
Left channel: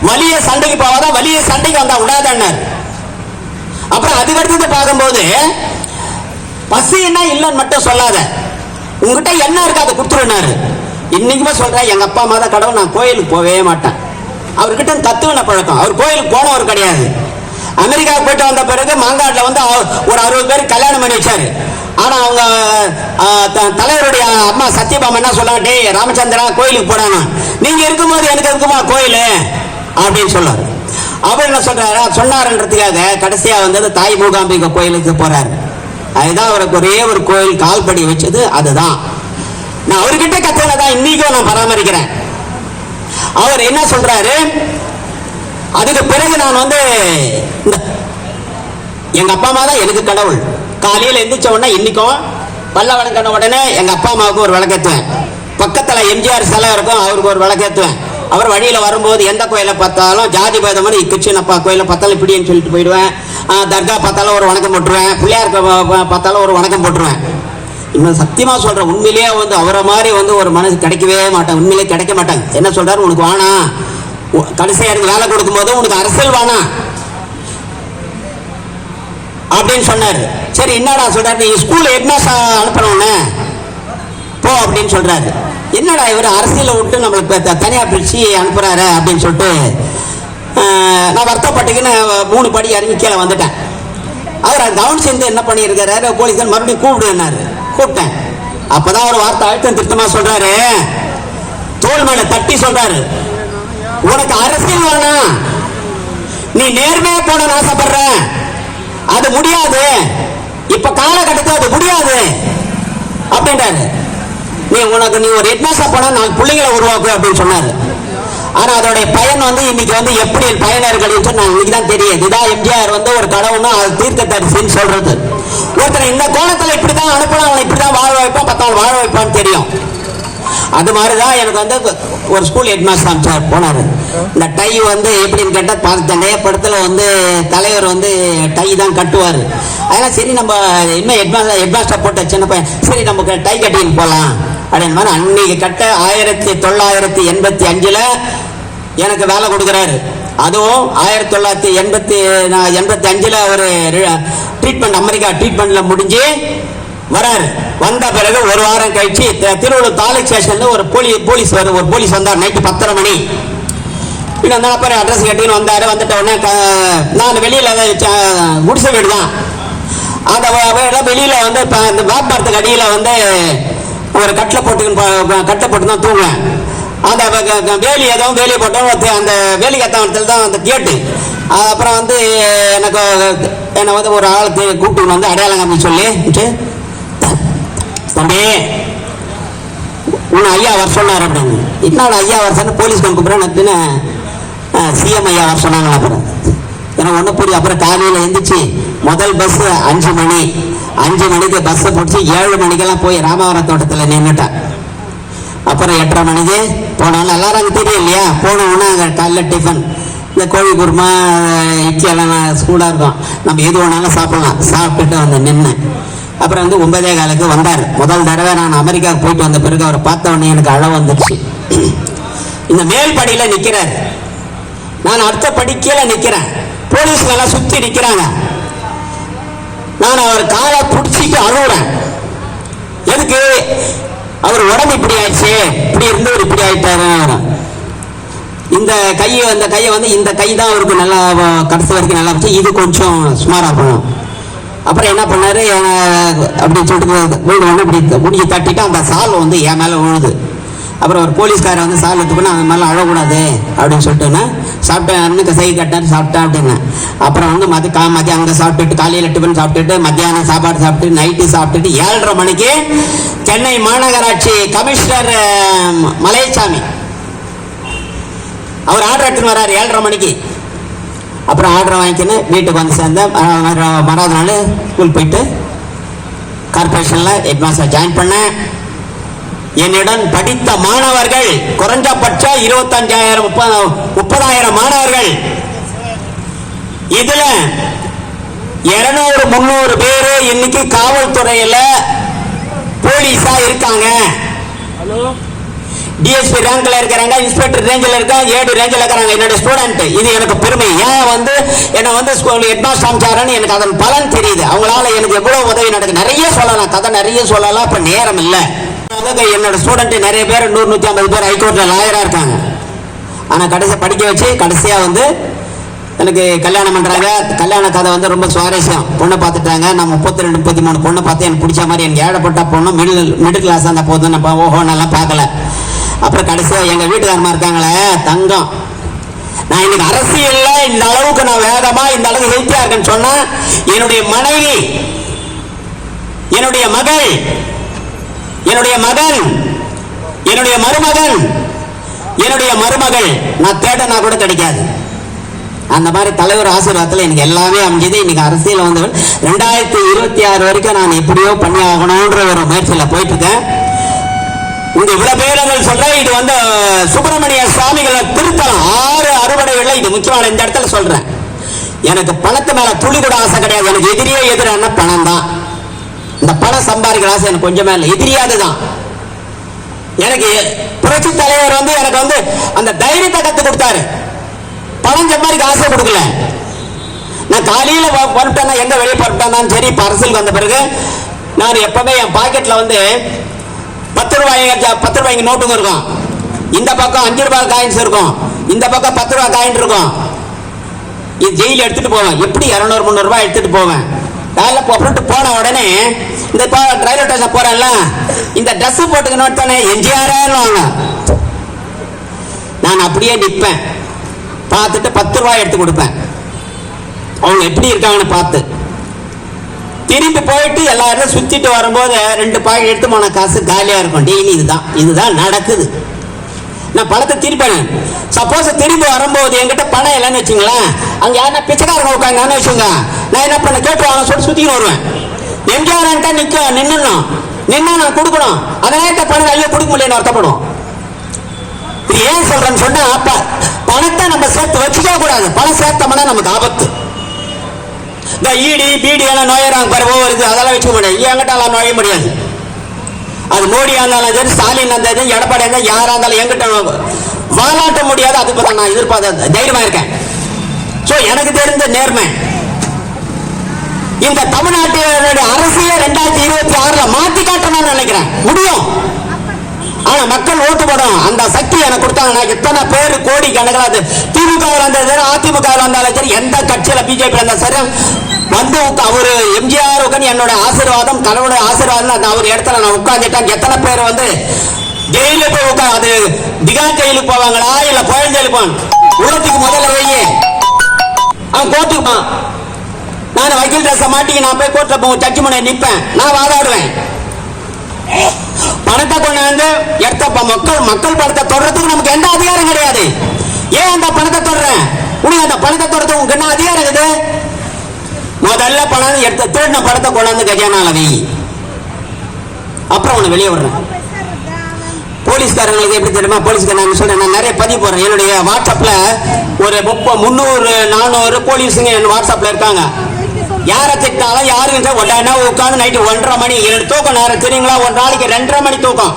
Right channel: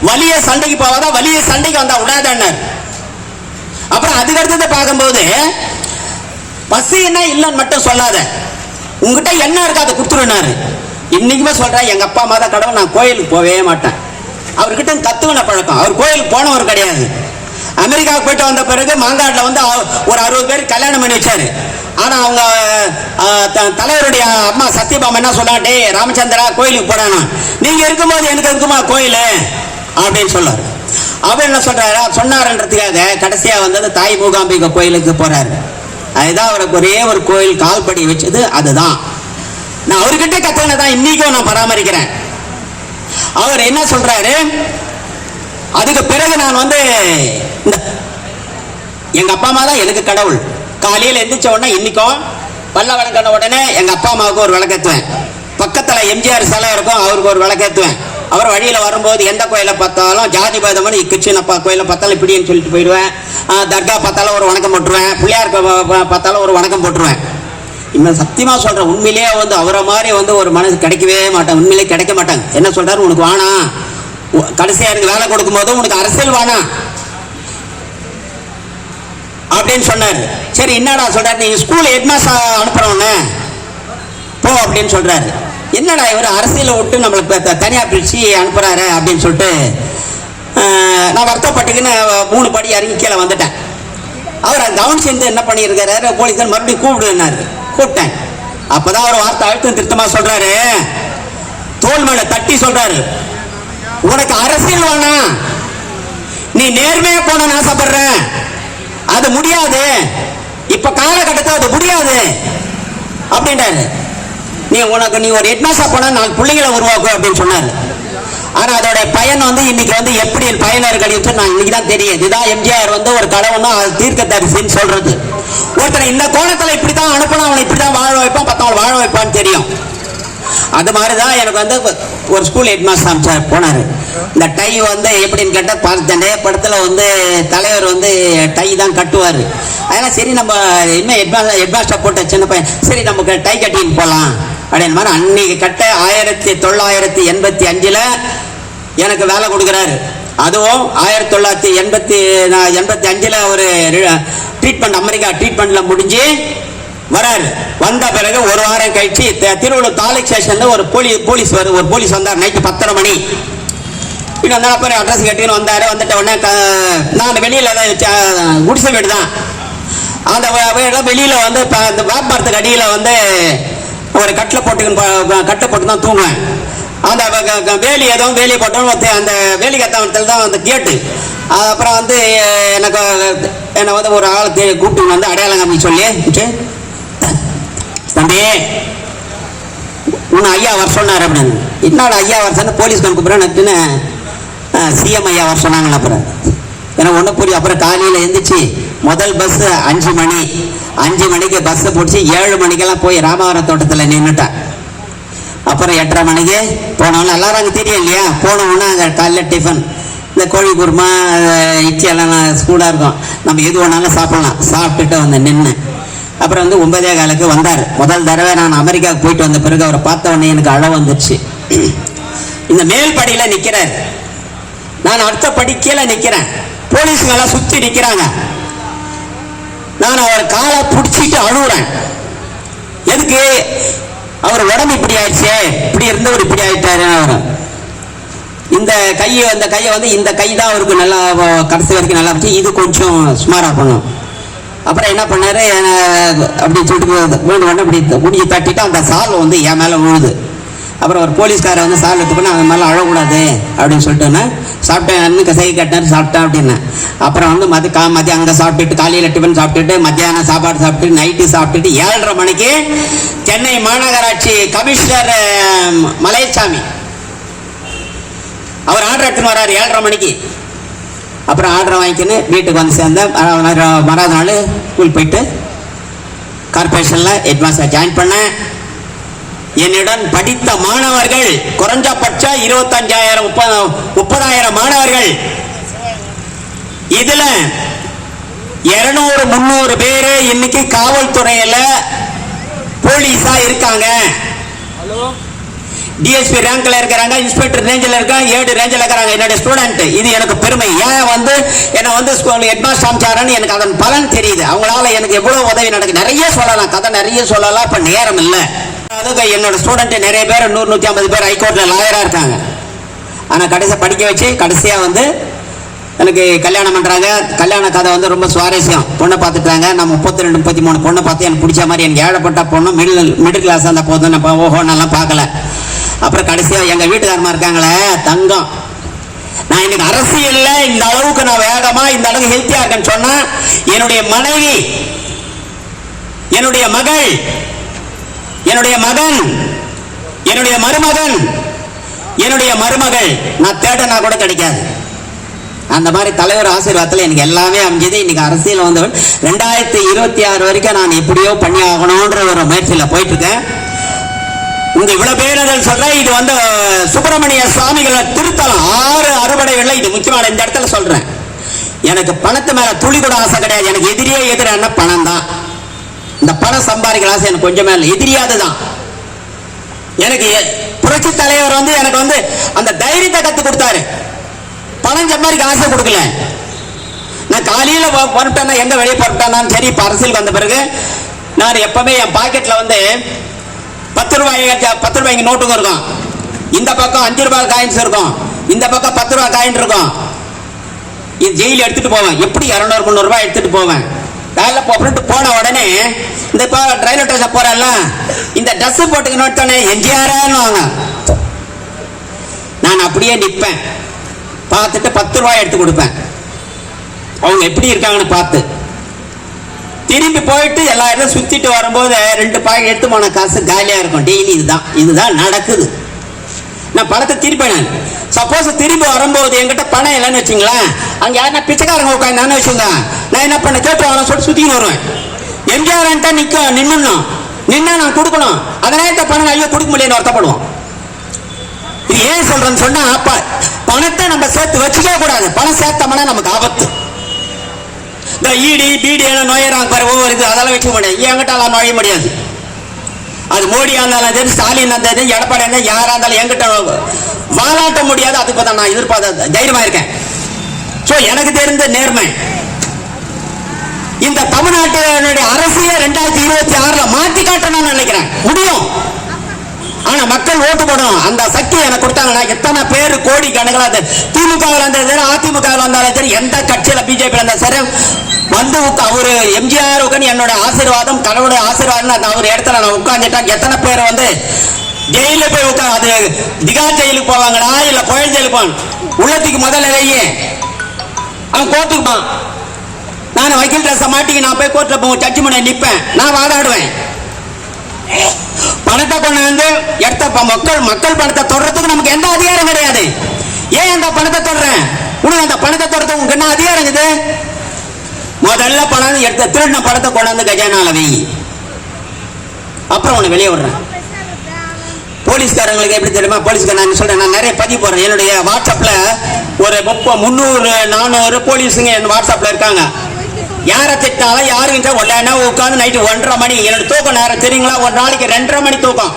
வலிய சண்டைக்கு போவாத, வலிய சண்டைக்கு வந்தா விடாதன்னாரு. அப்புறம் அதுக்கடுத்தது பார்க்கும்போது, பசி என்ன இல்லைன்னு மட்டும் சொல்லாத, உங்ககிட்ட என்ன இருக்கு அதை கொடுத்துருனாரு. இன்னைக்குமா சொல்றேன், எங்க அப்பா அம்மா தான் கடவுள், நான் கோயிலுக்கு போவே மாட்டேன். அவர்கிட்ட கத்துக்கின பழக்கம். அவர் கோயிலுக்கு போனவர் கிடையாது. அமெரிக்கா போயிட்டு வந்த பிறகு மாங்காட்டில் வந்து ஒரு 60 பேர் கல்யாணம் பண்ணி வச்சாரு. ஆனா அவங்க தலைவருடைய அம்மா சத்யபாமா என்ன சொல்றாங்க, டே ராமச்சந்திரா கோயிலுக்கு போனாங்க, நீங்க இருக்கும்போது எனக்கு இருக்குமா கோயில் அப்படின்னு சொல்றாரு. அவர் என்ன சொல்றாரு சொன்னாருன்றதுக்காக கடைசியா வந்தது தாய் மூகாம்பிகை கோயிலுக்கு போறாரு. அதுதான் அவருக்கு ஒரே ஒரு கோயில் கால்படி வச்சது. அதுதான் நான் அவர்கிட்ட கத்தனதான் இன்னைக்கும் நான் பராமரிக்கிறேன். அவர் என்ன சொல்றாரு, அதுக்கு பிறகு நான் வந்து எங்க அப்பா அம்மா தான் எனக்கு கடவுள். காலையில் எந்திரிச்ச உடனே இன்னைக்கும் பல்ல வழங்கின உடனே எங்க அப்பா அம்மாவுக்கு ஒரு விளக்கேற்றுவேன். பக்கத்துல எம்ஜிஆர் சிலை இருக்கும், அவருக்கு ஒரு விளக்கேற்றுவேன். அவர் வழியில வரும்போது எந்த கோயிலை பார்த்தாலும் ஜாதி பேதமான கிருஷ்ணப்பா கோயிலை பார்த்தாலும் இப்படின்னு சொல்லிட்டு போயிடுவேன். தர்கா பார்த்தாலும் ஒரு வணக்கம் போட்டுருவேன். பிள்ளையார் பார்த்தாலும் ஒரு வணக்கம் போட்டுருவேன். இன்னும் சத்தியமா சொல்றேன், உண்மையிலேயே வந்து அவரை மாதிரி வந்து ஒரு மனசு கிடைக்கவே மாட்டாங்க. உண்மையிலே கிடைக்க மாட்டாங்க. என்ன சொல்றாரு, உனக்கு வேணாம், கடைசியா எனக்கு வேலை கொடுக்கும் போது உனக்கு அரசியல் வேணாம் அப்படின்னு சொன்னாரு. சரி என்னடா சொல்றாரு, நீ ஸ்கூல் ஹெட்மாஸ்டர் அனுப்புறவனே போ அப்படின்னு சொல்றாரு. என்னடா இவர் அரசியலை விட்டு நம்மளுக்கு தனியா பிரிச்சு அனுப்புறாரு அப்படின்னு சொல்லிட்டு நான் வருத்தப்பட்டுக்குன்னு 3 படி இறங்கி கீழே வந்துட்டேன். அவர் கவனிச்சிருந்து என்ன பண்ணியிருக்காரு, போலீஸ் மறுபடியும் கூப்பிட்டேன். அப்பதான் ஒரு வார்த்தை அழுத்தம் திருத்தமா சொல்றாரு, தோல் மேல தட்டி சொல்றாரு, உனக்கு அரசியல் வேணாம், நீ நேர்மையா போன ஆசைப்படுற, அது முடியாது, இப்ப காலகட்டத்தில் அது முடியாது அப்படின்றாரு. நீ ஒரு ஹெட்மாஸ்டர் போனா 4 பிள்ளைகளை உருவாக்கும் அப்படின்னு சொன்னாரு. ஆனா அதோட பயன் வந்து இன்னைக்கு வந்து எப்படி பயனர்கள் நான் இன்னைக்கு தான் தெரியுது. இதான் எம்ஜிஆர் வந்து ஒரு கடவுள்னு தீர்க்க தரிசின்னு சொல்றது. ஒருத்தர் இந்த கோணத்துல இப்படித்தான் அனுப்பணும், அவனை இப்படிதான் வாழ வைப்பான், 10 வாழ வைப்பான்னு தெரியும். அது மாதிரிதான் எனக்கு வந்து ஒரு ஸ்கூல் ஹெட்மாஸ்டர் போனாரு. இந்த டை வந்து எப்படின்னு கேட்டா பார்த்தேன் படத்துல வந்து தலைவர் வந்து டை தான் கட்டுவாரு. அதெல்லாம் சரி நம்ம இன்னும் ஹெட்மாஸ்டர் போட்ட சின்ன பையன், சரி நமக்கு டை கட்டின்னு போலாம் அப்படின்னு மாதிரி அன்னைக்கு கட்ட 1985 எனக்கு வேலை கொடுக்குறாரு. அதுவும் 1985 அவர் ட்ரீட்மெண்ட் அமெரிக்கா ட்ரீட்மெண்ட்ல முடிஞ்சு வராரு. வந்த பிறகு ஒரு வாரம் கழிச்சு திருவள்ளூர் தாலுக் ஸ்டேஷன்ல ஒரு போலீஸ் வந்தார். நைட்டு 10:30 மணி அப்புறம் அட்ரஸ் கேட்டீங்கன்னு வந்தாரு. வந்துட்ட உடனே நான் வெளியில குடிசை வீடு தான், அந்த வெளியில வந்து இந்த வாக்குமரத்துக்கு அடியில வந்து ஒரு கட்டை போட்டு தான் தூங்குவேன். அந்த வேலியை போட்டோம். அந்த வேலி கத்தவத்தில் தான் வந்து கேட்டு அப்புறம் வந்து என்னை வந்து ஒரு ஆளுக்கு கூப்பிட்டு வந்து அடையாளம் காமி சொல்லி, தம்பி உன்னை ஐயா வர சொன்னார் அப்படின்னு. இன்னொரு ஐயா வர சொன்ன போலீஸ் கூப்பிட்றேன்னு சிஎம் ஐயா வர சொன்னாங்களா. அப்புறம் எனக்கு ஒன்றும் புரியும். அப்புறம் காலையில் எழுந்திரிச்சு முதல் பஸ் 5 மணி, 5 மணிக்கு பஸ்ஸை பிடிச்சி 7 மணிக்கெல்லாம் போய் ராமவரம் தோட்டத்தில் நின்றுட்டேன். அப்புறம் 8:30 மணிக்கு போனாலும் எல்லாரும் அங்கே தெரியும் இல்லையா. போனோம்னா அங்கே காலையில் டிஃபன் இந்த கோழி குருமா இட்லி எல்லாம் ஸ்கூலாக இருக்கும், நம்ம எது வேணாலும் சாப்பிடலாம். சாப்பிட்டுட்டு வந்து நின்று அப்புறம் வந்து 9:15 வந்தார். முதல் தடவை நான் அமெரிக்காவுக்கு போயிட்டு வந்த பிறகு அவரை பார்த்த உடனே எனக்கு அழ வந்துருச்சு. இந்த மேல் படியில நிற்கிறார், நான் அடுத்த படி கீழே நிற்கிறேன். போலீஸ்லாம் சுற்றி நிற்கிறாங்க. நான் அவர் காலை பிடிச்சிட்டு அழுகுறேன். எதுக்கு, அவர் உடம்பு இப்படி ஆயிடுச்சு, இப்படி இருந்தவர் இப்படி ஆயிட்டாரு. அவர் இந்த கையை வந்து இந்த கை தான் அவருக்கு நல்லா கடைசி வரைக்கும் நல்லா இருந்துச்சு, இது கொஞ்சம் சுமாராக போகணும். அப்புறம் என்ன பண்ணாரு, அப்படின்னு சொல்லிட்டு இப்படி முடிஞ்சு தட்டிட்டு அந்த சால் வந்து என் மேலே விழுது. அப்புறம் ஒரு போலீஸ்காரை வந்து சால் எடுத்துக்கணும், அவன் மேலே அழக்கூடாது அப்படின்னு சொல்லிட்டு சாப்பிட்டேன், சை கட்டினார் சாப்பிட்டேன் அப்படின்னு. அப்புறம் வந்து மதியம் அங்கே சாப்பிட்டுட்டு காலையில் டிஃபன் சாப்பிட்டுட்டு மத்தியானம் சாப்பாடு சாப்பிட்டு நைட்டு சாப்பிட்டுட்டு 7:30 மணிக்கு சென்னை மாநகராட்சி கமிஷனர் மலையசாமி அவர் ஆர்டர் எடுத்துன்னு வர்றாரு 7:30 மணிக்கு. அப்புறம் ஆர்டர் வாங்கிக்கின்னு வீட்டுக்கு வந்து சேர்ந்தேன். மறாத நாள் ஸ்கூல் போயிட்டு கார்பரேஷனில் ஹெட்மாஸ்டர் ஜாயின் பண்ணேன். என்னுடன் படித்த மாணவர்கள் குறைஞ்சபட்சம் 25,000 30,000 மாணவர்கள். இதுல 200-300 பேரு இன்னைக்கு காவல்துறையில போலீஸா இருக்காங்க. டிஎஸ்பி ரேங்க்ல இருக்கிறாங்க, இன்ஸ்பெக்டர் ரேஞ்சில் இருக்காங்க, 7 ரேஞ்சில் இருக்கிறாங்க. என்னோட ஸ்டூடெண்ட். இது எனக்கு பெருமை. ஏன் வந்து என்ன வந்து ஸ்கூல் ஹெட்மாஸ்டர் அமைச்சாரன்னு எனக்கு அதன் பலன் தெரியுது. அவங்களால எனக்கு எவ்வளவு உதவி நடக்குது. நிறைய சொல்லலாம், கதை நிறைய சொல்லலாம், இப்ப நேரம் இல்லை. என்னோட ஸ்டூடெண்ட் நிறைய பேர் 100-150 பேர் ஹைகோர்ட்ல லாயரா இருக்காங்க. ஆனால் கடைசியாக படிக்க வச்சு கடைசியாக வந்து எனக்கு கல்யாணம் பண்ணுறாங்க. கல்யாண கதை வந்து ரொம்ப சுவாரஸ்யம். பொண்ணை பார்த்துட்டாங்க. நான் 32 33 பொண்ணை பார்த்து எனக்கு பிடிச்ச மாதிரி எனக்கு ஏழப்பட்ட பொண்ணு மிடில் கிளாஸ் இருந்தால் போதும். நான் ஓஹோன்னெல்லாம் பார்க்கல. அப்புறம் கடைசியாக எங்கள் வீட்டுக்காரமா இருக்காங்களே தங்கம், நான் இன்னைக்கு அரசியல்ல இந்த அளவுக்கு நான் வேகமா இந்த அளவுக்கு ஹெல்த்தியா இருக்கேன்னு சொன்னா என்னுடைய மனைவி, என்னுடைய மகள், என்னுடைய மகன், என்னுடைய மருமகன், என்னுடைய மருமகள் நான் தேடனா கூட கிடைக்காது. அந்த மாதிரி தலைவர் ஆசீர்வாதத்தில் எனக்கு எல்லாமே அமைஞ்சது. இன்னைக்கு அரசியல் வந்தவன் 2026 வரைக்கும் நான் எப்படியோ பண்ணி ஆகணும்ன்ற ஒரு முயற்சியில போயிட்டு இருக்கேன். இந்த இவ்வளவு பேர் சொல்ற இது வந்து சுப்பிரமணிய சுவாமிகளை திருத்தம் 6 அறுபடைகள்ல இது முக்கியமான. இந்த இடத்துல சொல்றேன், எனக்கு பணத்து மேல துளி கூட ஆசை கிடையாது. எனக்கு எதிரியே எதிரான பணம் தான். இந்த பணம் சம்பாதிக்கிற ஆசை எனக்கு கொஞ்சமே இல்லை. எதிரியாதுதான். எனக்கு புரட்சி தலைவர் வந்து எனக்கு வந்து அந்த தைரியத்தை கத்து கொடுத்தாரு. பணம் சம்பாதிக்க ஆசை கொடுக்கல. நான் காலையில புறப்பட்டேன்னா எங்க வெளியே புறப்பட்டாலும் சரி, அரசியல் வந்த பிறகு நான் எப்பவுமே என் பாக்கெட்ல வந்து 10 ரூபாய்க்கு நோட்டுங்க இருக்கும். இந்த பக்கம் 5 ரூபாய் காயின்ஸ் இருக்கும். இந்த பக்கம் 10 ரூபாய் காயின் இருக்கும். இது ஜெயில எடுத்துட்டு போவேன். எப்படி 200 300 ரூபாய் எடுத்துட்டு போவேன். காலையில் புறப்பட்டு போன உடனே இந்த ரயில்வே ஸ்டேஷன் போறேன்ல, இந்த ட்ரெஸ் போட்டுக்கணும் எம்ஜிஆர் நான் அப்படியே நிற்பேன். பார்த்துட்டு 10 ரூபாய் எடுத்து கொடுப்பேன். அவங்க எப்படி இருக்காங்கன்னு பார்த்து திரும்பி போயிட்டு எல்லா இடத்துல சுத்திட்டு வரும்போது 2 பாக்கெட் எடுத்து போன காசு காலியா இருக்கும். டெய்லி இதுதான் நடக்குது. நான் பணத்தை திருப்பேன். சப்போஸ் திரும்பி வரும்போது என்கிட்ட பணம் இல்லைன்னு வச்சுங்களேன், அங்க யாருன்னா பிச்சைக்காரங்க உட்காந்து வச்சுங்க, நான் என்ன பண்ண கேட்டு சொல்லி சுத்தின்னு வருவேன். எம்ஜிஆர் நின்று நான் கொடுக்கணும். அதனால பணம் ஐயோ கொடுக்க முடியல வருத்தப்படும். இது ஏன் சொல்றேன்னு சொன்னா, பணத்தை நம்ம சேர்த்து வச்சுக்க கூடாது. பணம் சேர்த்தோம்னா நமக்கு ஆபத்து. இந்த ஈடி பீடி எல்லாம் நோயறாங்க பாரு, இருக்கு அதெல்லாம் வச்சுக்க முடியாது. என்கிட்ட நோய முடியாது. அது மோடியா இருந்தாலும் சரி, ஸ்டாலின் இருந்தாலும் எடப்பாடி இருந்தாலும் யாரா இருந்தாலும் என்கிட்ட வாழாட்ட முடியாது. அதுக்கு தான் நான் எதிர்பார்த்த தைரியமா இருக்கேன். எனக்கு தெரிந்த நேர்மை இந்த தமிழ்நாட்டினுடைய அரசியல் 2026 மாற்றி காட்டணும்னு நினைக்கிறேன். முடியும். ஆனா மக்கள் ஓட்டு போடணும். அந்த சக்தி எனக்கு கொடுத்தாங்க. எத்தனை பேர் கோடி கணக்கில் திமுக இருந்தாலும் அதிமுக இருந்தாலும் சரி, எந்த கட்சியில பிஜேபி இருந்தாலும் சரி வந்து அவரு எம்ஜிஆர் உட்காந்து என்னோட ஆசீர்வாதம் கடவுளுடைய ஆசீர்வாதம் அவர் இடத்துல நான் உட்கார்ந்துட்டாங்க. எத்தனை பேர் வந்து ஜெயில போய் உட்காந்து அது திகார் ஜெயிலுக்கு போவாங்களா இல்ல புயல் ஜெயிலுக்கு போவாங்க. உள்ளத்துக்கு முதல்ல வையே அவன் கோர்ட்டுக்குப்பான். நான் வக்கீல் ட்ரெஸ் மாட்டிக்கு நான் போய் கோர்ட்ல போவேன். ஜட்ஜி முன்னாடி நிற்பேன். நான் வாதாடுவேன். பணத்தை கொண்டாந்து எடுத்த மக்கள் பணத்தை தொடர்றதுக்கு நமக்கு எந்த அதிகாரம் கிடையாது. ஏன் அந்த பணத்தை தொடறேன்? உனக்கு அந்த பணத்தை தொடர்றது உங்களுக்கு என்ன அதிகாரம் இருக்குது? முதல்ல பணம் எடுத்த திருடின பணத்தை கொண்டாந்து கஜானால வை. அப்புறம் அவனை வெளியே விடுறேன். போலீஸ்காரங்களுக்கு எப்படி தெரியுமா? போலீஸ்காரன் சொல்றேன், நான் நிறைய பதிவு போடுறேன். என்னுடைய வாட்ஸ்அப்ல ஒரு 300 400 போலீஸுங்க என் வாட்ஸ்அப்ல இருக்காங்க. யாரை திட்டாலும் யாருக்கிட்ட உடனே உட்காந்து நைட்டு 1:30 மணி எனக்கு தூக்கம் நேரம் தெரியுங்களா? ஒரு நாளைக்கு 2:30 மணி தூக்கம்.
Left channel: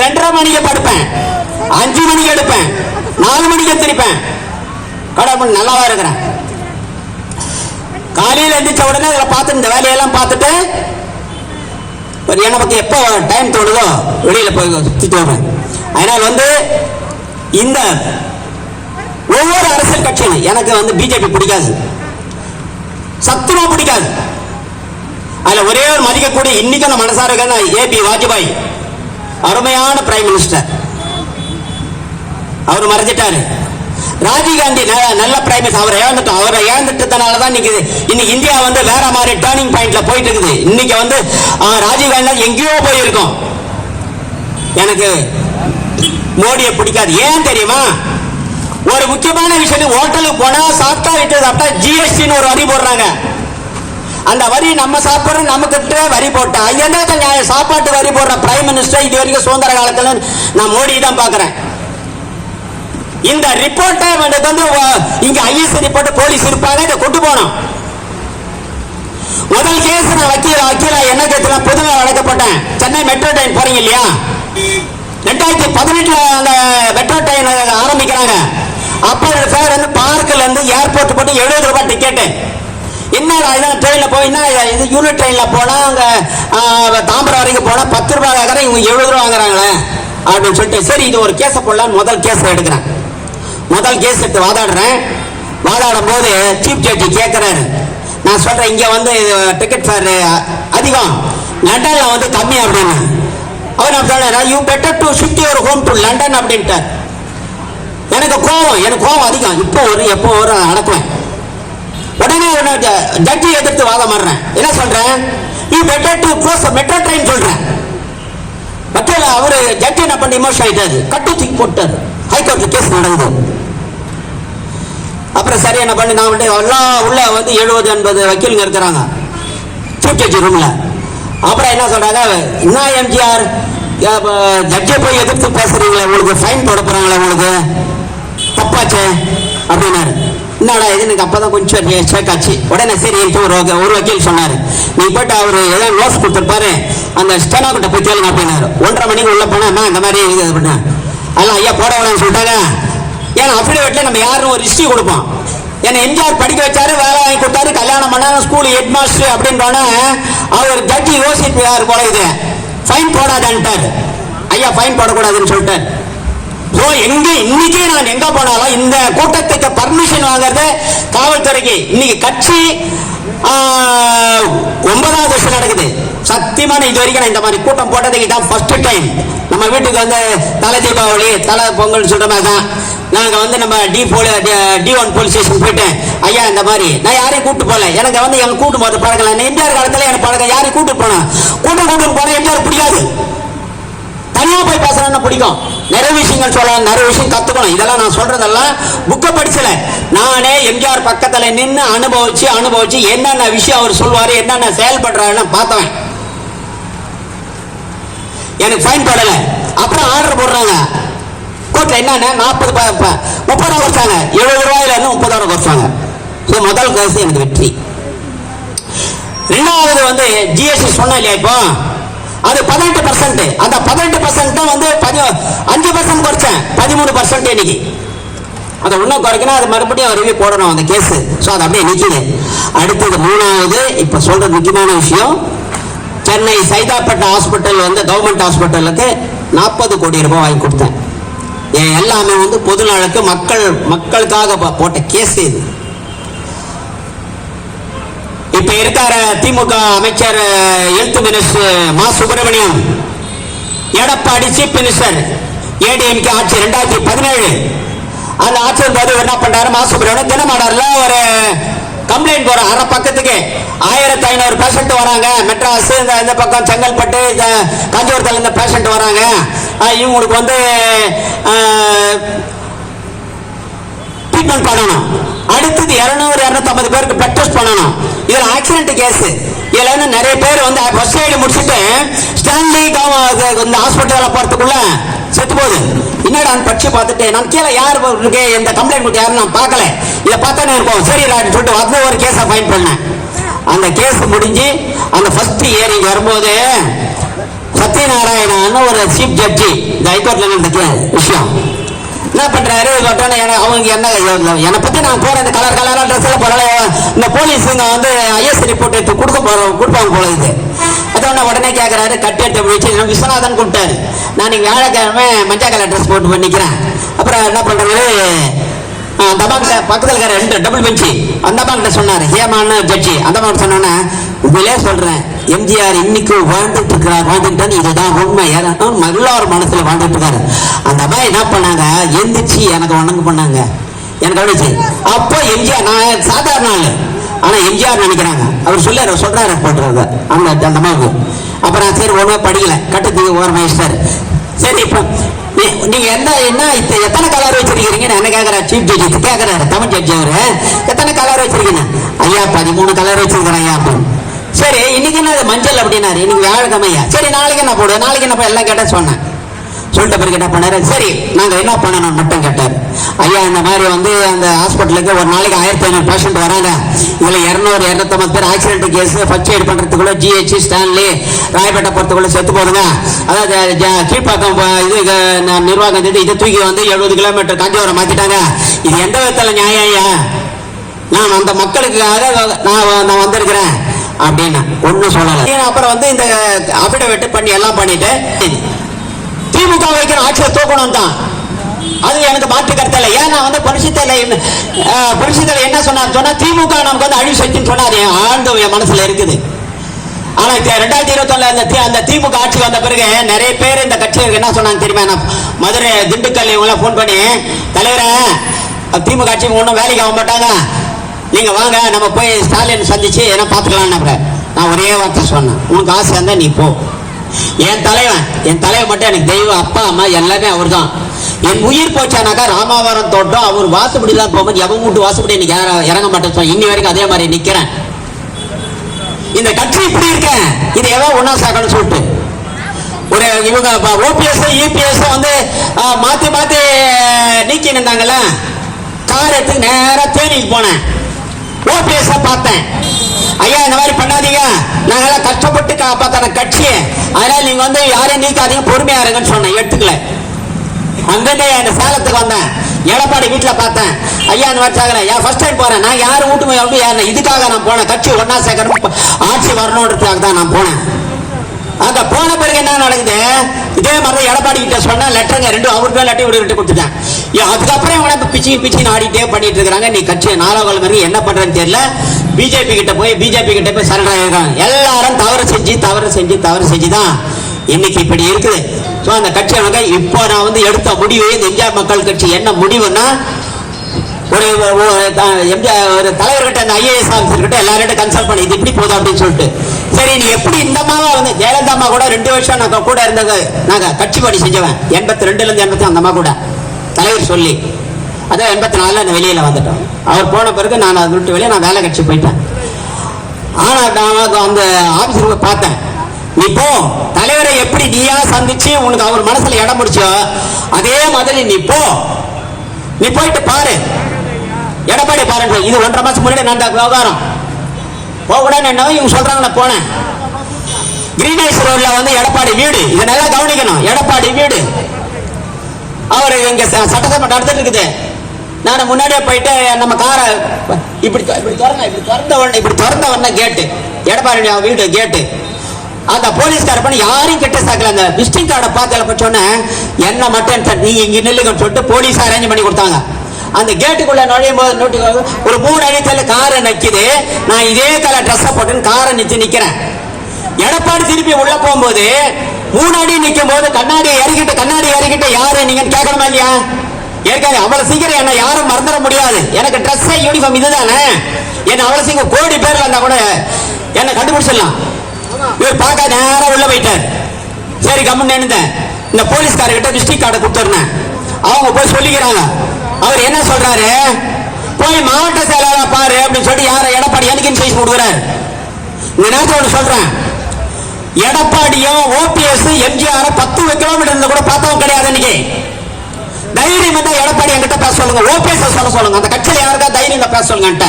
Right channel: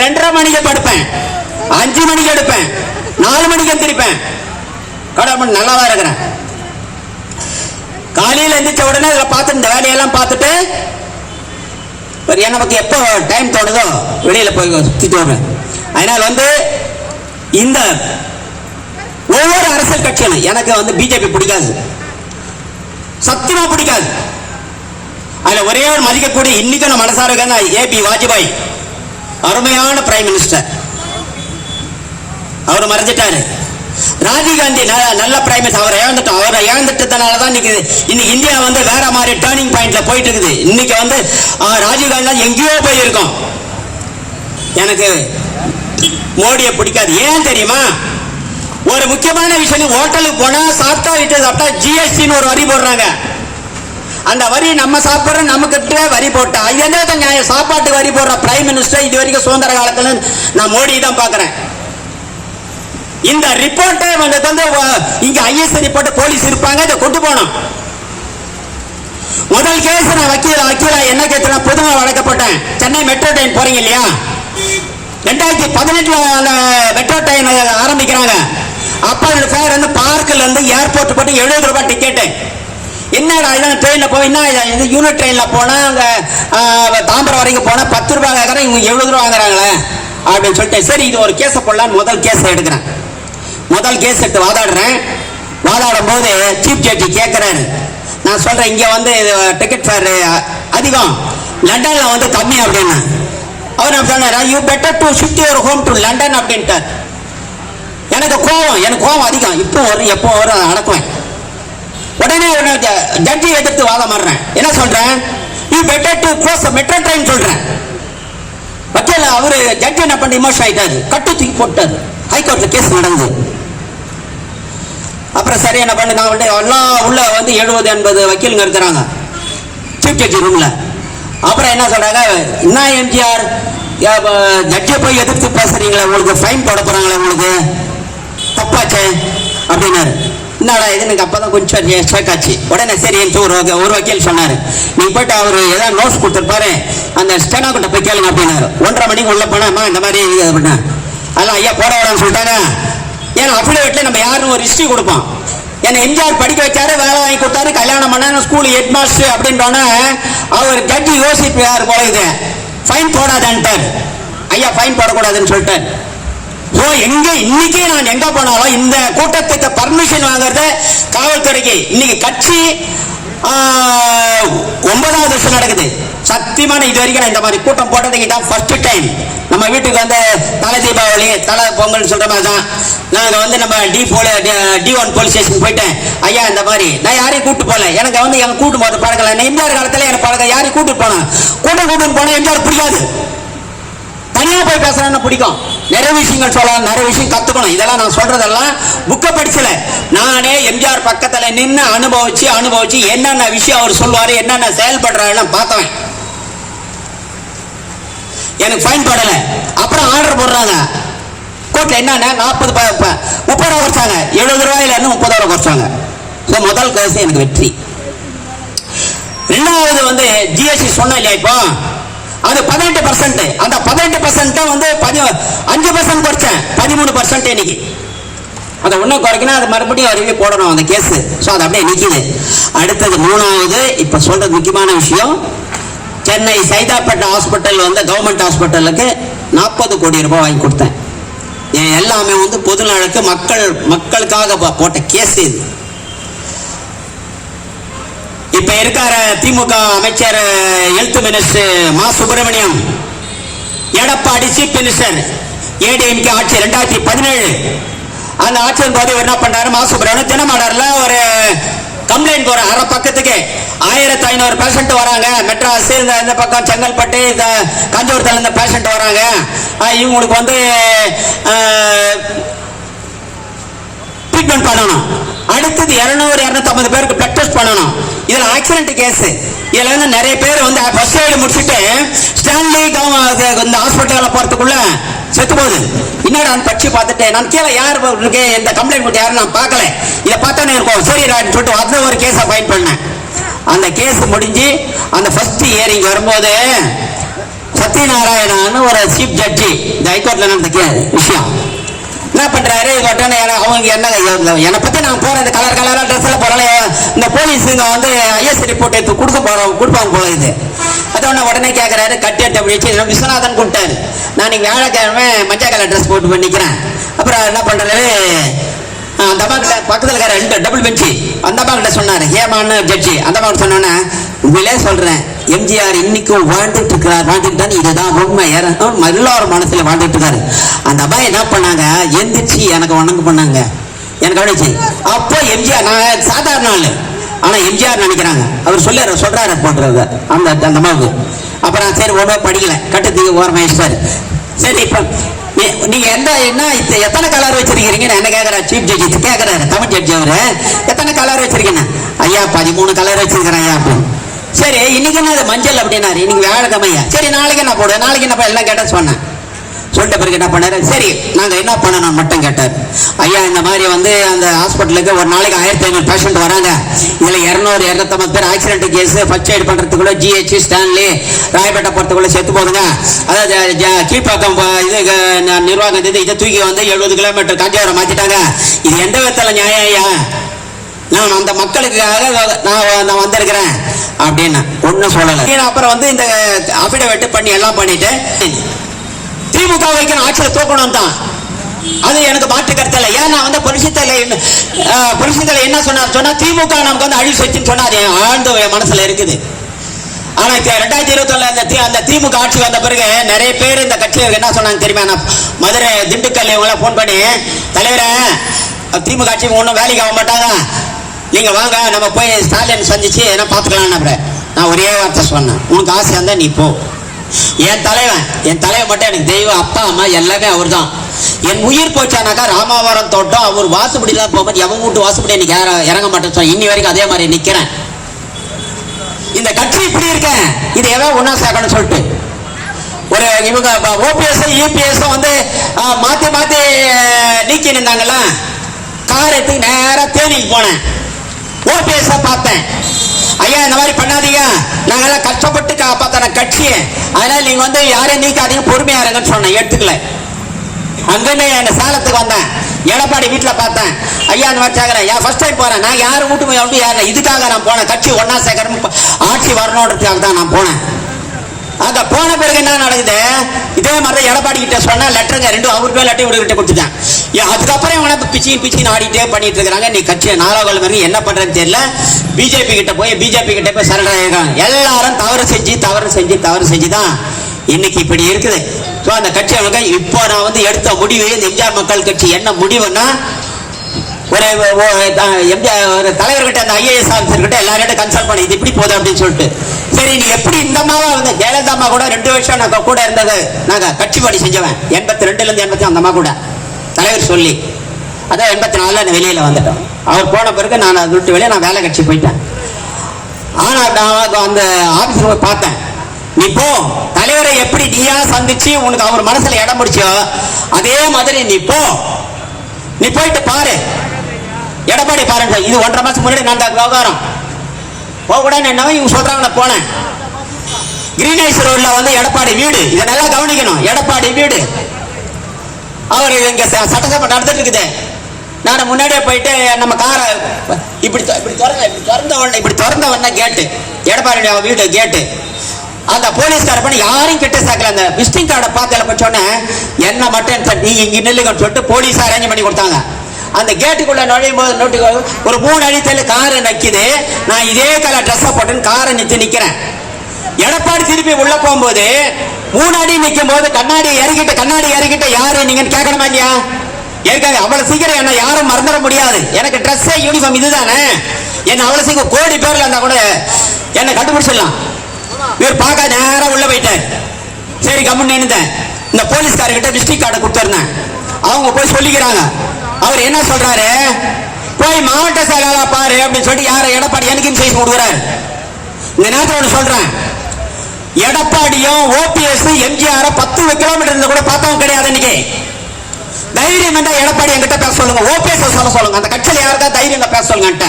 2:30 மணிக்கு படுப்பேன், 5 மணிக்கு எடுப்பேன், 4 மணிக்கு எந்திரிப்பேன். கடவுள் நல்லாவா இருக்கிறேன். காலையில் எந்திரிச்ச உடனே பார்த்து இந்த வேலையெல்லாம் பார்த்துட்டு எனக்கு எப்போ டைம் தோணுதோ வெளியில போய் சுத்திட்டு வருவேன். அதனால வந்து இந்த ஒவ்வொரு அரசியல் கட்சியும் எனக்கு வந்து பிஜேபி பிடிக்காது, சத்துமா பிடிக்காது. அதுல ஒரே ஒரு மதிக்கக்கூடிய இன்னைக்கு நம்ம மனசார ஏபி வாஜ்பாய் அருமையான பிரைம் மினிஸ்டர். அவர் மறைஞ்சிட்டாரு. ராஜீவ்காந்தி நல்ல பிரைம் மினிஸ்டர். அவரை இழந்துட்டதுனாலதான் இன்னைக்கு இந்தியா வந்து வேற மாதிரி டர்னிங் பாயிண்ட்ல போயிட்டு இருக்குது. இன்னைக்கு வந்து ராஜீவ்காந்தி எங்கேயோ போயிருக்கோம். எனக்கு மோடியை பிடிக்காது. ஏன் தெரியுமா? ஒரு முக்கியமான விஷயம், ஹோட்டலுக்கு போனா சாப்பிட்டா விட்டு சாப்பிட்டா ஜிஎஸ்டின்னு ஒரு வரி போடுறாங்க. அந்த வரி நம்ம சாப்பிடுற நமக்கு வரி போட்டா இதே நியாயம். சாப்பாட்டு வரி போடுற பிரைம் மினிஸ்டர் இது வரைக்கும் சுதந்திர காலத்துல நான் மோடி தான் பாக்குறேன். இந்த ரிப்போர்ட்டை வந்து இங்க ஐஎஸ் ரிப்போர்ட் போலீஸ் இருப்பாங்க, இதை கொண்டு போனோம். முதல் கேஸ் நான் வக்கீலா என்ன கேட்கிறேன், பொதுவாக வழக்கப்பட்டேன். சென்னை மெட்ரோ ட்ரெயின் போறீங்க இல்லையா? 2018 அந்த மெட்ரோ ட்ரெயின் ஆரம்பிக்கிறாங்க. அப்போ பேர் வந்து பார்க்கல இருந்து ஏர்போர்ட் போட்டு 70 ரூபாய் டிக்கெட். என்ன ட்ரெயின்ல போய் என்ன யூனிட் ட்ரெயின்ல போனா அங்க தாம்பரம் வரைக்கும் போனா 10 ரூபாய் இவங்க 70 ரூபாய் வாங்குறாங்களே அப்படின்னு சொல்லிட்டு சரி இது ஒரு கேஸை போடல முதல் கேஸ் எடுக்கிறேன். முதல் கேஸ் எடுத்து வாதாடும் போது சீஃப் ஜட்ஜி கேட்கிறாரு. நான் சொல்றேன் இங்க வந்து டிக்கெட் ஃபேர் அதிகம், லண்டன்ல வந்து கம்மி அப்படின்னு. அவர் என்ன சொன்னாரு, you better to shift your home to London அப்படின்ட்டார். எனக்கு கோவம் அதிகம். எப்போ வரும் அடக்குவேன். உடனே ஜட்ஜி எடுத்து வாதம் மாறுறேன். என்ன சொல்றேன், you better to close metro train சொல்றேன். வக்கீல் அவரு ஜட்ஜி என்ன பண்ணி இமோஷன் ஆயிட்டாரு, கட்டு தூக்கி போட்டாரு. ஹைகோர்ட்ல கேஸ் நடந்தது. அப்புறம் சரி என்ன பண்ணு, நான் எல்லாம் உள்ள வந்து 70-80 வக்கீலுங்க இருக்கிறாங்க சீஃப் ஜட்ஜி ரூம்ல. அப்புறம் என்ன சொல்றாங்க, என்ன எம்ஜிஆர் ஜட்ஜை போய் எதிர்த்து பேசுறீங்களா, உங்களுக்கு ஃபைன் போட போறாங்களா, உங்களுக்கு தப்பாச்சே அப்படின்னாரு. என்னடா இது, எனக்கு அப்பதான் கொஞ்சம் ஷேக்காச்சு. உடனே சரி ஒரு வக்கீல் சொன்னாரு, நீ போயிட்டு அவரு ஏதாவது நோட்ஸ் கொடுத்துருப்பாரு, அந்த ஸ்டெனோ கிட்ட போய் கேளுங்க அப்படின்னாரு. 1:30 மணிக்கு உள்ள போனா இந்த மாதிரி அப்படின்னா அதெல்லாம் ஐயா போட வேணாம்னு சொல்லிட்டாங்க. ஏன்னா அஃபிடேவிட்ல நம்ம யாரும் ஒரு ஹிஸ்டரி கொடுப்போம். ஏன்னா எம்ஜிஆர் படிக்க வச்சாரு, வேலை வாங்கி கொடுத்தாரு, கல்யாணம் பண்ணாரு, ஸ்கூல் ஹெட் மாஸ்டர் அப்படின்னு அவர் ஜட்ஜி யோசிப்பாரு போல, இது ஃபைன் போடாதன்ட்டார். ஐயா ஃபைன் போடக்கூடாதுன்னு சொல்லிட்டார். இன்னைக்கு நான் எங்க போனாலும் இந்த கூட்டத்துக்கு பர்மிஷன் வாங்குறத காவல்துறைக்கு. இன்னைக்கு கட்சி 9வது வருஷம் நடக்குது. சத்தியமான இது வரைக்கும் இந்த மாதிரி கூட்டம் போட்டதுக்கு தான் ஃபர்ஸ்ட் டைம். நம்ம வீட்டுக்கு வந்து தலை தீபாவளி தலை பொங்கல் சொல்ற மாதிரி தான் நாங்க வந்து நம்ம D1 போலீஸ் ஸ்டேஷன் போயிட்டேன். ஐயா இந்த மாதிரி நான் யாரையும் கூட்டு போல, எனக்கு வந்து எங்க கூட்டு போது பழக்கல. எம்ஜிஆர் காலத்துல எனக்கு பழக்கம், யாரையும் கூட்டு போனேன். கூட்டம் போன எம்ஜிஆர் பிடிக்காது, தனியா போய் பேசணும்னு பிடிக்கும். நிறைய விஷயங்கள் சொல்லலாம், நிறைய விஷயம் கத்துக்கணும். இதெல்லாம் நான் சொல்றதெல்லாம் புக்க படிச்சல, நானே எம்ஜிஆர் பக்கத்துல நின்று அனுபவிச்சு என்னென்ன விஷயம் அவர் சொல்லுவாரு, என்னென்ன செயல்படுறாருன்னு பார்த்தேன். எனக்கு ஃபைன் போடல. அப்புறம் ஆர்டர் போடுறாங்க கோர்ட்ல, என்னன்னு 30 ரூபாய் குறைச்சாங்க. 70 ரூபாயில இருந்து 30 ரூபாய் குறைச்சாங்க. முதல் காசு எனக்கு வெற்றி. ரெண்டாவது வந்து ஜிஎஸ்டி சொன்ன இல்லையா, இப்போ அது 18%. அந்த 18% வந்து 5% குறைச்சேன், 13% இன்னைக்கு. அதை ஒன்னும் குறைக்கணும், அது மறுபடியும் அறிவே போடணும் அந்த கேஸ். அது அப்படியே நிக்குது. அடுத்தது மூணாவது இப்ப சொல்ற முக்கியமான விஷயம், சென்னை சைதாப்பேட்டை ஹாஸ்பிட்டல் வந்து கவர்மெண்ட் ஹாஸ்பிட்டலுக்கு 40 கோடி ரூபாய் வாங்கி கொடுத்தேன். எல்லாமே வந்து பொது நலனுக்கு மக்களுக்காக போட்ட கேஸ் இது. இப்ப இருக்கிற திமுக அமைச்சர் ஹெல்த் மினிஸ்டர் மா சுப்பிரமணியம், எடப்பாடி சீஃப் மினிஸ்டர், ஏடிஎம்கே ஆட்சி 2017. அந்த ஆட்சியின் போது என்ன பண்றாரு, மா சுப்பிரமணியம் தினமலர்ல ஒரு கம்ப்ளைண்ட் போற அரை பக்கத்துக்கு 1500 பேஷண்ட் வராங்க. மெட்ராஸ் இந்த பக்கம் செங்கல்பட்டு காஞ்சிபுரத்துல இந்த பேஷண்ட் வராங்க. இவங்களுக்கு வந்து ட்ரீட்மெண்ட் பண்ணணும். அடுத்தது 200-250 பேருக்கு பிளட் டெஸ்ட் பண்ணணும். இதுல ஆக்சிடென்ட் கேஸ். இதுல வந்து நிறைய பேர் வந்து ஃபர்ஸ்ட் எய்ட் முடிச்சுட்டு ஸ்டான்லி இந்த ஹாஸ்பிட்டல்ல போறதுக்குள்ள செத்து போகுது. என்னடா படிச்சு பார்த்துட்டு நான் கீழே யார் இருக்கு எந்த கம்ப்ளைண்ட் கொடுத்து யாரும் நான் பார்க்கல, இதை பார்த்தா இருக்கும் சரி சொல்லிட்டு வந்து ஒரு கேஸை ஃபைன் பண்ணேன். அந்த கேஸ் முடிஞ்சு அந்த ஃபர்ஸ்ட் ஹியரிங் வரும்போது சத்யநாராயணன் ஒரு சீஃப் ஜட்ஜி ஹைகோர்ட்ல நடந்த விஷயம் என்ன பண்றாரு, அவங்க என்னை பத்தி நான் போற இந்த கலரா ட்ரெஸ்ல போறல இந்த போலீஸ் வந்து ஐஎஸ் ரிப்போர்ட் எடுத்து கொடுப்பாங்க போல இது. அதோட உடனே கேட்கறாரு, கட்டி எடுத்து வச்சு விஸ்வநாதன் கூப்பிட்டாரு. நான் நீங்க வியாழக்கிழமை மஞ்சள் கலர் ட்ரெஸ் போட்டு பண்ணிக்கிறேன். அப்புறம் என்ன பண்றாரு, அந்த அம்மா கிட்ட பக்கத்துல இருக்கிற 2 டபுள் பெஞ்சு அந்த அம்மா கிட்ட சொன்னாரு, ஏமான்னு ஜட்ஜி. அந்த அம்மா சொன்னோன்னே உண்மையிலே சொல்றேன், எம்ஜிஆர் இன்னைக்கும் வாழ்ந்துட்டு இருக்கிறார், இதுதான் உண்மை. எல்லாரும் மனசுல வாழ்ந்துட்டு இருக்காரு. அந்த அம்மா என்ன பண்ணாங்க, எந்திரிச்சு எனக்கு வணங்க பண்ணாங்க, எனக்கு அடிச்சு. அப்ப எம்ஜிஆர், நான் சாதாரண ஆளு, ஆனா எம்ஜிஆர் நினைக்கிறாங்க. அவர் சொல்றாரு போட்டுறாங்க அந்த அம்மாவுக்கு. அப்புறம் சரி ஒன்றுமே படிக்கல, கட்டத்துக்கு ஓரமாயிட்டாரு. சரி இப்ப நீங்க எத்தனை கலர் வச்சிருக்கீங்க என்ன கேக்குற சீஃப் ஜட்ஜி கேக்குறாரு, தமிழ் ஜட்ஜி அவரு எத்தனை கலர் வச்சிருக்கீங்க? ஐயா 13 கலர் வச்சிருக்கிறேன் ஐயா அப்படின்னு. சரி இன்னைக்கு என்ன மஞ்சள் அப்படின்னாரு, இன்னைக்கு வியாழக்கிழமையா, சரி நாளைக்கு என்ன போடுவேன், நாளைக்கு என்ன எல்லாம் கேட்டா சொன்னேன். சொல்லிட்ட பிறகு என்ன பண்ணாரு, சரி நாங்க என்ன பண்ணணும் மட்டும் கேட்டார். ஐயா இந்த மாதிரி வந்து அந்த ஹாஸ்பிட்டலுக்கு ஒரு நாளைக்கு 1500 பேஷண்ட் வராங்க. இதுல 200-250 பேர் ஆக்சிடென்ட் கேஸ் ஃபர்ஸ்ட் எய்ட் பண்றதுக்குள்ள GH ஸ்டான்லி ராயப்பேட்டை போறதுக்குள்ள செத்து போதுங்க. அதாவது கீழ்பாக்கம் இது நிர்வாகம் இதை தூக்கி வந்து 70 கிலோமீட்டர் காஞ்சிபுரம் மாத்திட்டாங்க. இது எந்த விதத்துல நியாயம்? நான் அந்த மக்களுக்காக நான் வந்திருக்கிறேன் அப்படின்னு ஒண்ணு சொல்லல. அப்புறம் வந்து இந்த அபிடவிட் பண்ணி எல்லாம் பண்ணிட்டு திமுக வைக்கிற ஆட்சியை தூக்கணும் தான். அது எனக்கு மாற்று கருத்தல. ஏன் நான் வந்து புரட்சித்தலை என்ன சொன்னா திமுக நமக்கு வந்து அழிவு செஞ்சுன்னு சொன்னார். என் ஆழ்ந்த மனசுல இருக்குது. ஆனா 2021 அந்த திமுக ஆட்சி வந்த பிறகு நிறைய பேர் இந்த கட்சியில என்ன சொன்னாங்க தெரியுமா? நான் மதுரை, திண்டுக்கல் இவங்களாம் போன் பண்ணி, தலைவரை திமுக ஆட்சி ஒன்றும் வேலைக்கு ஆக மாட்டாங்க, நீங்க வாங்க நம்ம போய் ஸ்டாலின் சந்திச்சு என்ன பார்த்துக்கலாம். நான் ஒரே வார்த்தை சொன்னேன், உனக்கு ஆசையா இருந்தா நீ போ. என் தலைவன் மட்டும் எனக்கு தெய்வம், அப்பா அம்மா எல்லாமே அவர் தான். என் உயிர் போச்சானாக்கா ராமாவரம் தோட்டம் அவர் வாசுபடி தான் போகும்போது எவன் வீட்டு வாசுபடி இன்னைக்கு இறங்க மாட்டேன். இன்னி வரைக்கும் அதே மாதிரி நிக்கிறேன். இந்த கட்சி இப்படி இருக்க இது எல்லாம் ஒன்னா சேர்க்கணும் சொல்லிட்டு ஒரு இவங்க ஓபிஎஸ் யூபிஎஸ் வந்து மாத்தி நீக்கி நின்றாங்கல்ல. கார் எடுத்து நேரா தேனிக்கு போனேன். ஓபிஎஸ் பார்த்தேன். ஐயா இந்த மாதிரி பண்ணாதீங்க, நாங்க கஷ்டப்பட்டு காப்பாத்தான கட்சியை, அதனால நீங்க வந்து யாரையும் நீக்காதீங்க, பொறுமையா இருங்கன்னு சொன்னேன். எடுத்துக்கல. அங்கே என் சேலத்துக்கு வந்தேன். எடப்பாடி வீட்டுல பார்த்தேன். ஐயா அந்த மாதிரி சாகிறேன். ஏன் ஃபர்ஸ்ட் டைம் போறேன். நான் யாரும் வீட்டு இதுக்காக நான் போனேன். கட்சி ஒன்னா சேர்க்கணும், ஆட்சி வரணுன்றதுக்காக தான் நான் போனேன். அங்க போன பிறகு என்ன நடக்குது? இதே மாதிரி எடப்பாடி கிட்ட சொன்னா லெட்டருங்க 2 அவருக்கு லெட்டர் இவர்கிட்ட கொடுத்துட்டேன். அதுக்கப்புறம் இவங்க பிச்சு ஆடிட்டே பண்ணிட்டு இருக்காங்க. நீ கட்சியை 4 வரைக்கும் என்ன பண்றேன்னு தெரியல. பிஜேபி கிட்ட போய் சரண் எல்லாரும் தவறு செஞ்சுதான் இன்னைக்கு இப்படி இருக்குது. அந்த கட்சி இப்போ நான் வந்து எடுத்த முடிவு, இந்த எம்ஜிஆர் மக்கள் கட்சி என்ன முடிவுன்னா, ஒரு தலைவர்கிட்ட, அந்த ஐஏஎஸ் ஆஃபீஸர் கிட்ட எல்லார்கிட்ட கன்சல்ட் பண்ணி இது இப்படி போதும் அப்படின்னு சொல்லிட்டு, சரி நீ எப்படி இந்த மாதிரி வந்து ஜெயலலிதா அம்மா கூட 2 வருஷம் நாங்க கூட இருந்தது, நாங்க கட்சி பணி செஞ்சவன் 82 80 அந்த அம்மா கூட தலைவர் சொல்லி, அதான் 84 நான் வெளியில வந்துட்டோம். அவர் போன பிறகு நான் அதை விட்டு வெளியே நான் வேலை கட்சி போயிட்டேன். ஆனா நான் அந்த ஆபீஸ் பார்த்தேன். நீ போ, தலைவரை எப்படி நீயா சந்திச்சு உனக்கு அவர் மனசுல இடம் பிடிச்சோ அதே மாதிரி நீ போயிட்டு பாரு, எடப்பாடி பாருங்க. இது 1.5 மாசம் முன்னாடி நடந்த விவகாரம். போகக்கூடாது என்னவோ இவங்க சொல்றாங்க. நான் போனேன். கிரீனேஷ் ரோட்ல வந்து எடப்பாடி வீடு, இதை நல்லா கவனிக்கணும். எடப்பாடி வீடு அவர் இங்க சட்டசபை நடந்துட்டு இருக்குது. நான் முன்னாடியே போயிட்டு நம்ம காரை இப்படி திறந்த உடனே கேட்டு, எடப்பாடி வீடு கேட்டு, அந்த போலீஸ்கார பண்ணி யாரையும் கிட்ட சேர்க்கல. அந்த விசிட்டிங் கார்டை பார்த்து சொன்னேன், என்ன மட்டும் நீ இங்க நில்லுங்கன்னு சொல்லிட்டு போலீஸ் அரேஞ்ச் பண்ணி கொடுத்தாங்க. அந்த கேட்டுக்குள்ள நுழையும் போது ஒரு 3 அடித்தல காரை நக்கிது. நான் இதே கலர் ட்ரெஸ் போட்டு காரை நிக்கிறேன். எடப்பாடி திருப்பி உள்ள போகும்போது 3 அடி நிற்கும் போது கண்ணாடி இறக்கிட்ட யாரு நீங்க கேட்கணுமா இல்லையா? ஏற்கனவே அவ்வளவு சீக்கிரம் என்ன யாரும் மறந்துட முடியாது. எனக்கு ட்ரெஸ் யூனிஃபார்ம் இதுதானே. என்ன அவ்வளவு சீக்கிரம் கோடி பேர்ல இருந்தா கூட என்ன கண்டுபிடிச்சிடலாம். இவர் பார்க்க நேரம் உள்ள போயிட்டேன். சரி கம்முன்னு நின்னுட்டேன். இந்த போலீஸ்காரர்கிட்ட டிஸ்ட்ரிக்ட் கார்டை கொடுத்துருந்தேன். அவங்க போய் சொல்லிக்கிறாங்க. அவர் என்ன சொல்றாரு, போய் மாவட்ட செயலாளர் பாரு அப்படின்னு சொல்லி யார எடப்பாடி எனக்கு இன்ஃபர்மேஷன் கொடுக்குறாரு. இந்த நேரத்தில் ஒன்று சொல்றேன், எடப்பாடியும் ஓபிஎஸ் எம்ஜிஆர் 10 கிலோமீட்டர் இருந்தா கூட பார்த்தவங்க கிடையாது. இன்னைக்கு தைரியம் இருந்தா எடப்பாடி என்கிட்ட பேச சொல்லுங்க, ஓபிஎஸ் சொல்ல சொல்லுங்க. அந்த கட்சியில் யாருக்கா தைரியம் பேச சொல்லுங்க.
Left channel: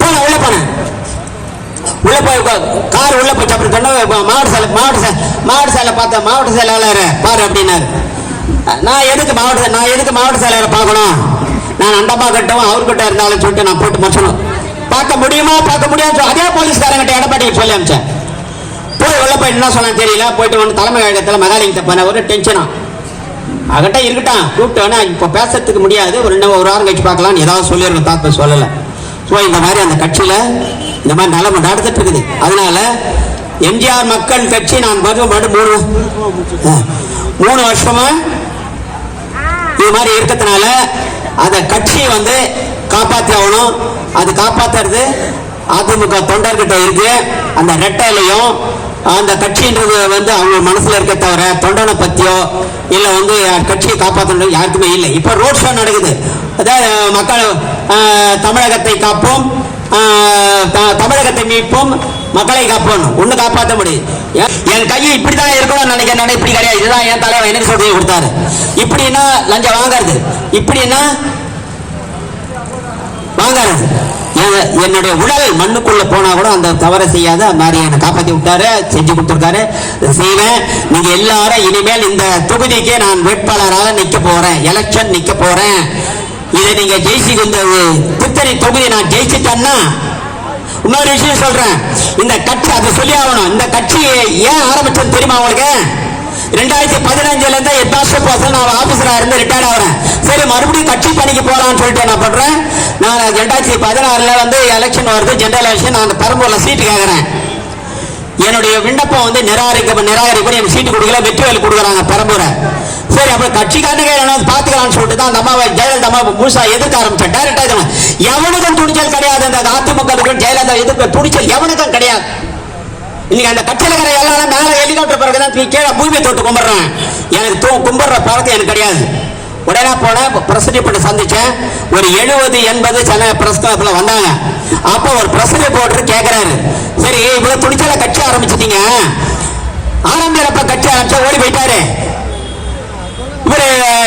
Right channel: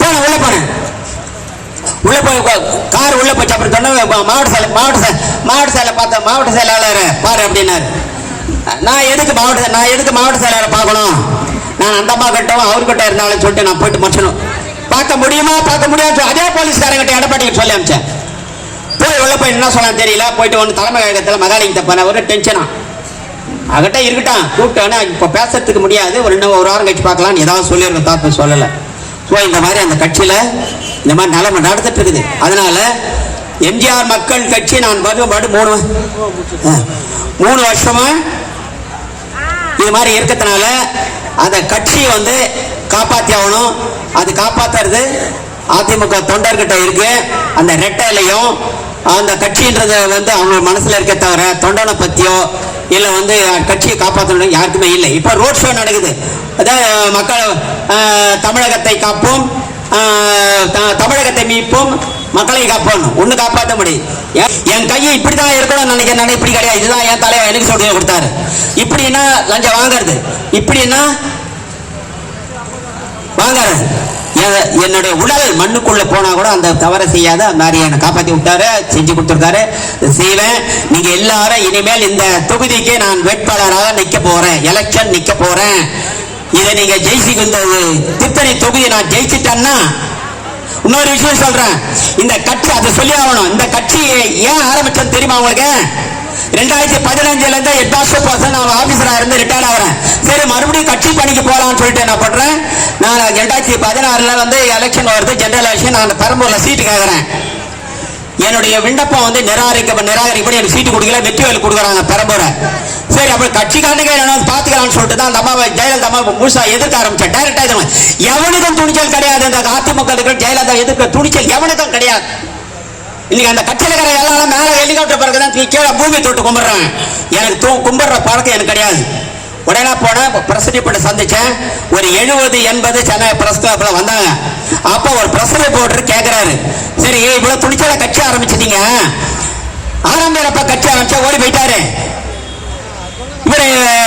போன உள்ள போனேன். உள்ள போய் கார் உள்ள போச்சு. அப்படி சொன்னா மாவட்ட செயலர் பார்த்தா மாவட்ட செயலாளர் பாரு அப்படின்னாரு. நான் எதுக்கு மாவட்ட செயலரை பார்க்கணும்? நான் அண்டமா கட்டவும் அவர்கிட்ட இருந்தாலும் சொல்லிட்டு நான் போட்டு முடிச்சணும். பார்க்க முடியுமா அதே போலீஸ்காரங்கிட்ட எடப்பாடிக்கு சொல்லி அமிச்சேன். போய் உள்ள போய் என்ன சொன்னா தெரியல. போயிட்டு ஒன்று தலைமை கழகத்தில் மகாலிங்கத்தை போன ஒரு டென்ஷனா அவகிட்ட இருக்கட்டும். கூப்பிட்டோன்னே இப்போ பேசுறதுக்கு முடியாது. ஒரு வாரம் கழிச்சு பார்க்கலாம் ஏதாவது சொல்லியிருக்கோம். தாப்பு சொல்லலை. ஸோ இந்த மாதிரி அந்த கட்சியில இந்த மாதிரி நிலைமை நடந்துட்டு இருக்குது. அதனால எம்ஜிஆர் மக்கள் கட்சி நான் 3 வருஷமா இது மாதிரி இருக்கிறதுனால அந்த கட்சியை வந்து காப்பாற்றி ஆகணும். அது காப்பாத்துறது அதிமுக தொண்டர்கிட்ட இருக்கு. அந்த ரெட்டையிலையும் அந்த கட்சின்றது வந்து அவங்க மனசுல இருக்க தவிர தொண்டனை பத்தியோ இல்ல வந்து கட்சியை காப்பாற்றணும் யாருக்குமே இல்லை. இப்ப ரோட் ஷோ நடக்குது. அதாவது மக்கள் தமிழகத்தை காப்போம், தமிழகத்தை மீட்போம், மக்களை காப்போம். ஒண்ணு காப்பாற்ற முடியும். என் கையை இப்படிதான் இருக்கணும்னு நினைக்கிறேன். இப்படி கிடையாது. இதுதான் என் தலைவர் எனக்கு சொல்லி கொடுத்தாரு. இப்படின்னா லஞ்சம் வாங்கறது, இப்படின்னா வாங்கறது. என்னுடைய உடல் மண்ணுக்குள்ள போனா கூட அந்த தவறை செய்யாத மாதிரி என்னை காப்பாற்றி விட்டாரு, செஞ்சு கொடுத்துருக்காரு. செய்வேன். நீங்க எல்லாரும் இனிமேல் இந்த தொகுதிக்கு நான் வேட்பாளராக நிக்க போறேன், எலெக்ஷன் நிக்க போறேன். இதை நீங்க ஜெயிச்சு திருத்தணி தொகுதியை நான் ஜெயிச்சுட்டேன்னா இன்னொரு விஷயம் சொல்றேன். இந்த கட்சி அதை சொல்லி ஆகணும். இந்த கட்சியை ஏன் ஆரம்பிச்சது தெரியுமா உங்களுக்கு? 2015 இருந்து 8 வருஷம் நான் ஆபீசரா இருந்து ரிட்டையர் ஆகிறேன். சரி மறுபடியும் கட்சி பணிக்கு போகலாம்னு சொல்லிட்டு என்ன பண்றேன், நான் 2016 வந்து எலெக்ஷன் வருது, ஜெனரல் எலெக்ஷன். நான் பெரம்பூர்ல சீட்டு கேட்கறேன். என்னுடைய விண்ணப்பம் வந்து நிராகரிக்கப்படி எனக்கு சீட்டு கொடுக்கல, வெற்றிவேல் கொடுக்குறாங்க பெரம்பூரை. சரி அப்ப கட்சிக்காரங்க பாத்துக்கலாம்னு சொல்லிட்டு தான் அந்த அம்மாவை ஜெயலலிதா அம்மா முழுசா எதிர்க்க ஆரம்பிச்சேன். டைரக்டா எவனுக்கும் துணிச்சல் கிடையாது. இந்த அதிமுக ஜெயலலிதா எதிர்க்க துணிச்சல் எவனுக்கும் கிடையாது. இன்னைக்கு அந்த கட்சியில இருக்கிற எல்லாரும் மேல ஹெலிகாப்டர் பிறகுதான் கீழே பூமி தொட்டு கும்பிடுறாங்க. எனக்கு கும்பிடுற பழக்கம் எனக்கு கிடையாது. உடனே போன பிரசிடென்ட் சந்திச்சேன். ஒரு 70-80 சென்னை பிரஸ் கிளப்ல வந்தாங்க. அப்ப ஒரு பிரஸ் ரிப்போர்ட்டர் கேட்கிறாரு, சரி இவ்வளவு துணிச்சலா கட்சி ஆரம்பிச்சிட்டீங்க, ஆரம்பிச்ச கட்சி ஆரம்பிச்சா ஓடி போயிட்டாரு, இவரு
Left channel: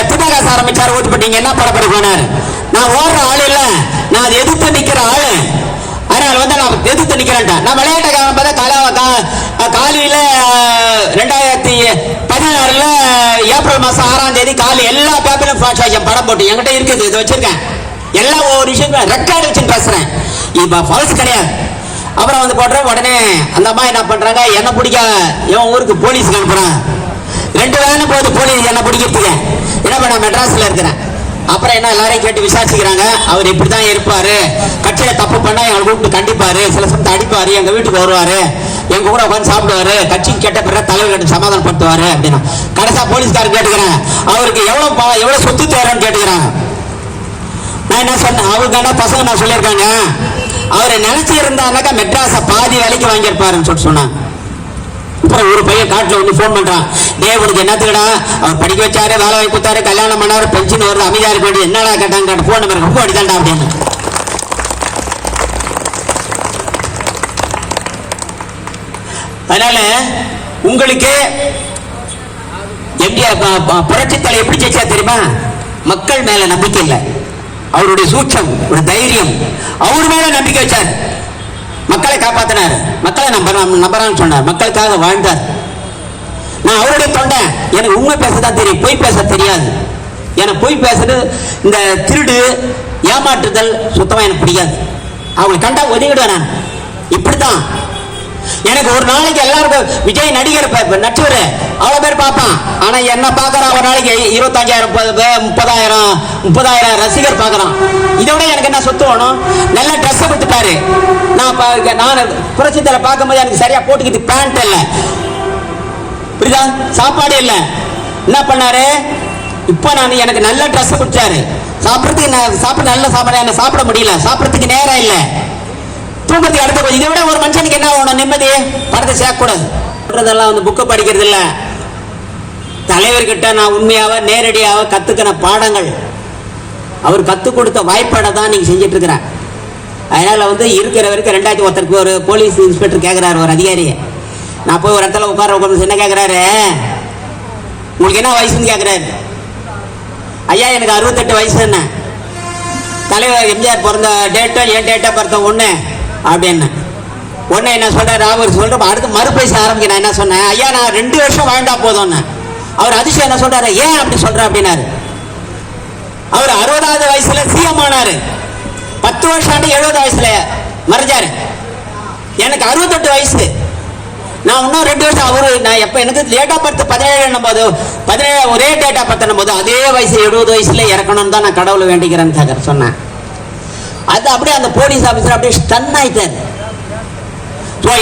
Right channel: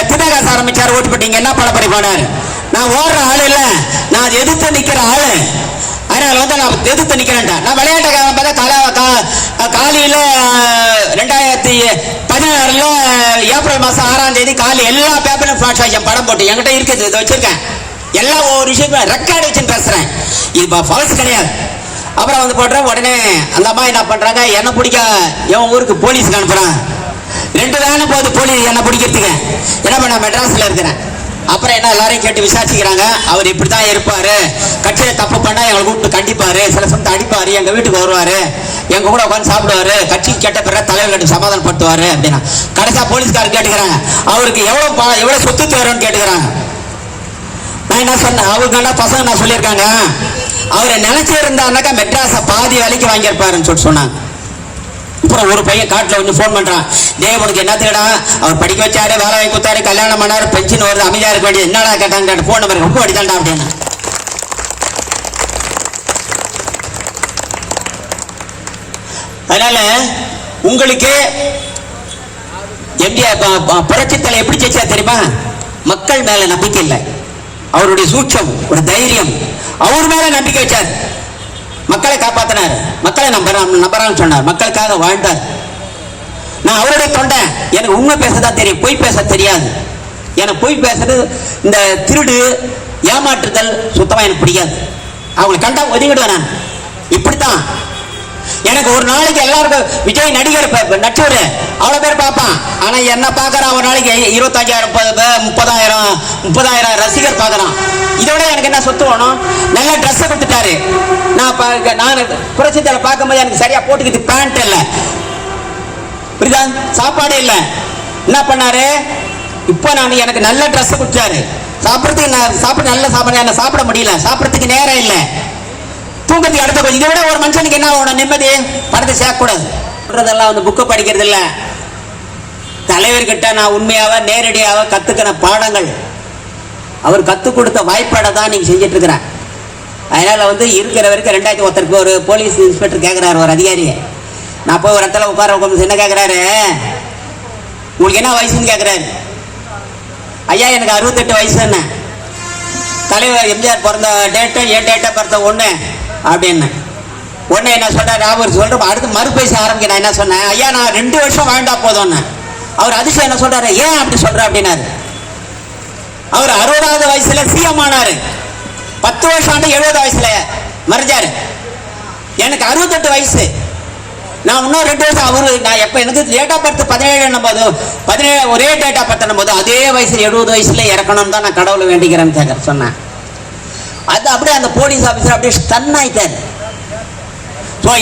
திமுக ஆரம்பிச்சாரு, ஓட்டு போட்டீங்க, என்ன பரப்பரை போனாரு. நான் ஓடுற ஆள் இல்ல, நான் எதிர்த்து நிக்கிற ஆளு. அதனால வந்து நான் எதிர்த்து நிக்கிறேன். நான் விளையாட்ட காலையில 2016 ஏப்ரல் மாசம் 6ஆம் தேதி காலை எல்லா பேப்பரும் ஃபிளாஷ் ஆகும், படம் போட்டு என்கிட்ட இருக்குது, இதை வச்சிருக்கேன். எல்லா ஒரு விஷயம் ரெக்கார்டு வச்சு பேசுறேன். இப்ப ஃபால்ஸ் கிடையாது. அப்புறம் வந்து போடுறேன். உடனே அந்த அம்மா என்ன பண்றாங்க, என்ன பிடிக்க என் ஊருக்கு போலீஸ்க்கு அனுப்புறாங்க. 2 வேலை போகுது போலீஸ் என்ன பிடிக்கிறதுக்கு. என்ன பண்ண, மெட்ராஸ்ல இருக்கிறேன். அப்புறம் என்ன எல்லாரையும் கேட்டு விசாரிச்சுக்கிறாங்க. அவர் இப்படிதான் இருப்பாரு, கட்சியில தப்பு பண்ணா எங்களை கூப்பிட்டு கண்டிப்பாரு, சில சமயத்தை அடிப்பாரு, எங்க வீட்டுக்கு வருவாரு, எங்க கூட உட்காந்து சாப்பிடுவாரு, கட்சி கெட்ட பிறகு தலைவர் சமாதானப்படுத்துவாரு அப்படின்னு. கடைசியா போலீஸ்காரர் கேட்டுக்கிறாங்க, அவருக்கு எவ்வளவு சொத்து தரன்னு கேட்டுக்கிறாங்க. நான் என்ன சொன்னேன், அவங்க என்ன பசங்க நான் சொல்லியிருக்காங்க, அவரை நினைச்சிருந்தாருனாக்கா மெட்ராஸ பாதி வேலைக்கு வாங்கியிருப்பாருன்னு சொல்லிட்டு சொன்னாங்க. அப்புறம் ஒரு பையன் காட்டுல வந்து போன் பண்றான், தேவனுக்கு என்னத்துக்கடா, அவர் படிக்க வச்சாரு, வேலை வாய்ப்பு கொடுத்தாரு, கல்யாணம் பண்ணாரு, பென்ஷன் வருது, அமைதியா இருக்க வேண்டியது, என்னடா கேட்டாங்க, போன் நம்பர் ரொம்ப அடித்தாண்டா அப்படின்னு. அதனால உங்களுக்கு எம்ஜிஆர் புரட்சி தலை எப்படி ஜெயிச்சா தெரியுமா? மக்கள் மேல நம்பிக்கை இல்லை, அவருடைய சூட்சம், ஒரு தைரியம், அவர் மேல நம்பிக்கை வச்சார், மக்களை காப்பாத்தினார், மக்களை நம்பறான்னு சொன்னார், மக்களுக்காக வாழ்ந்தார். நான் அவருடைய தொண்டேன், எனக்கு உண்மை பேசதான் தெரியும், பொய் பேச தெரியாது. எனக்கு பொய் பேசுறது, இந்த திருடு ஏமாற்றுதல் சுத்தமா எனக்கு பிடிக்காது. அவங்களை கண்டா ஒதுங்கிடுவேன் நான். இப்படித்தான் எனக்கு ஒரு நாளைக்கு எல்லாருக்கும் விஜய் நடிகர் நடிச்சவரு அவ்வளவு பேர் பார்ப்பான். ஆனா என்ன பாக்குறான், ஒரு நாளைக்கு 25,000 30,000 ரசிகர் பாக்குறான். இதோட எனக்கு என்ன சொத்து வேணும்? நல்ல ட்ரெஸ் கொடுத்துட்டாரு. நான் புரட்சித்தலை பார்க்கும்போது எனக்கு சரியா போட்டுக்கிட்டு பேண்ட் இல்ல, புரியுதா, சாப்பாடு இல்ல. என்ன பண்ணாரு, இப்ப நான் எனக்கு நல்ல ட்ரெஸ் கொடுத்தாரு, சாப்பிடறதுக்கு சாப்பிட நல்ல சாப்பாடு என்ன சாப்பிட முடியல, சாப்பிடறதுக்கு நேரம் இல்லை, தூக்கத்துக்கு அடுத்த. இதை விட ஒரு மனுஷனுக்கு என்ன ஆகணும், நிம்மதி, படத்தை சேர்க்கக்கூடாது. வந்து புக்கு படிக்கிறது இல்ல, தலைவர்கிட்ட நான் உண்மையாக நேரடியாக கத்துக்கின பாடங்கள், அவர் கத்துக் கொடுத்த வாய்ப்பாடை தான் நீங்க செஞ்சிட்டு இருக்கிறேன். அதனால வந்து இருக்கிறவருக்கு 2001 ஒரு போலீஸ் இன்ஸ்பெக்டர் கேட்கிறாரு, ஒரு அதிகாரி. நான் போய் ஒரு இடத்துல உட்கார என்ன கேட்கிறாரு, உங்களுக்கு என்ன வயசுன்னு கேட்கிறாரு. ஐயா எனக்கு 68 வயசு. என்ன தலைவர் எம்ஜிஆர் பிறந்த டேட்டு என் டேட்டா பிறந்த ஒண்ணு அப்படின்னு. உடனே என்ன சொல்றாரு, அவர் சொல்ற அடுத்து மறுபேச ஆரம்பிக்க. நான் என்ன சொன்னேன், ஐயா நான் 2 வருஷம் வாழ்ந்தா போதும்னு. அவர் அதிசயம் என்ன சொல்றாரு, ஏன் அப்படி சொல்ற அப்படின்னாரு. அவர் 60வது வயசுல சிஎம் ஆனாரு, 10 வருஷம் 70 வயசுல மறைஞ்சாரு. எனக்கு 68 வயசு, நான் இன்னும் 2 வருஷம். அவரு நான் எப்ப எனக்கு டேட் ஆஃப் பர்த் 17 போது 17 ஒரே டேட் ஆஃப் பர்த் போது அதே வயசு 70 வயசுல இறக்கணும் தான் நான் கடவுளை வேண்டிக்கிறேன்னு சொன்னேன். அது அப்படியே அந்த போலீஸ் ஆபீசர் அப்படியே ஸ்டன் ஆயிட்டாரு.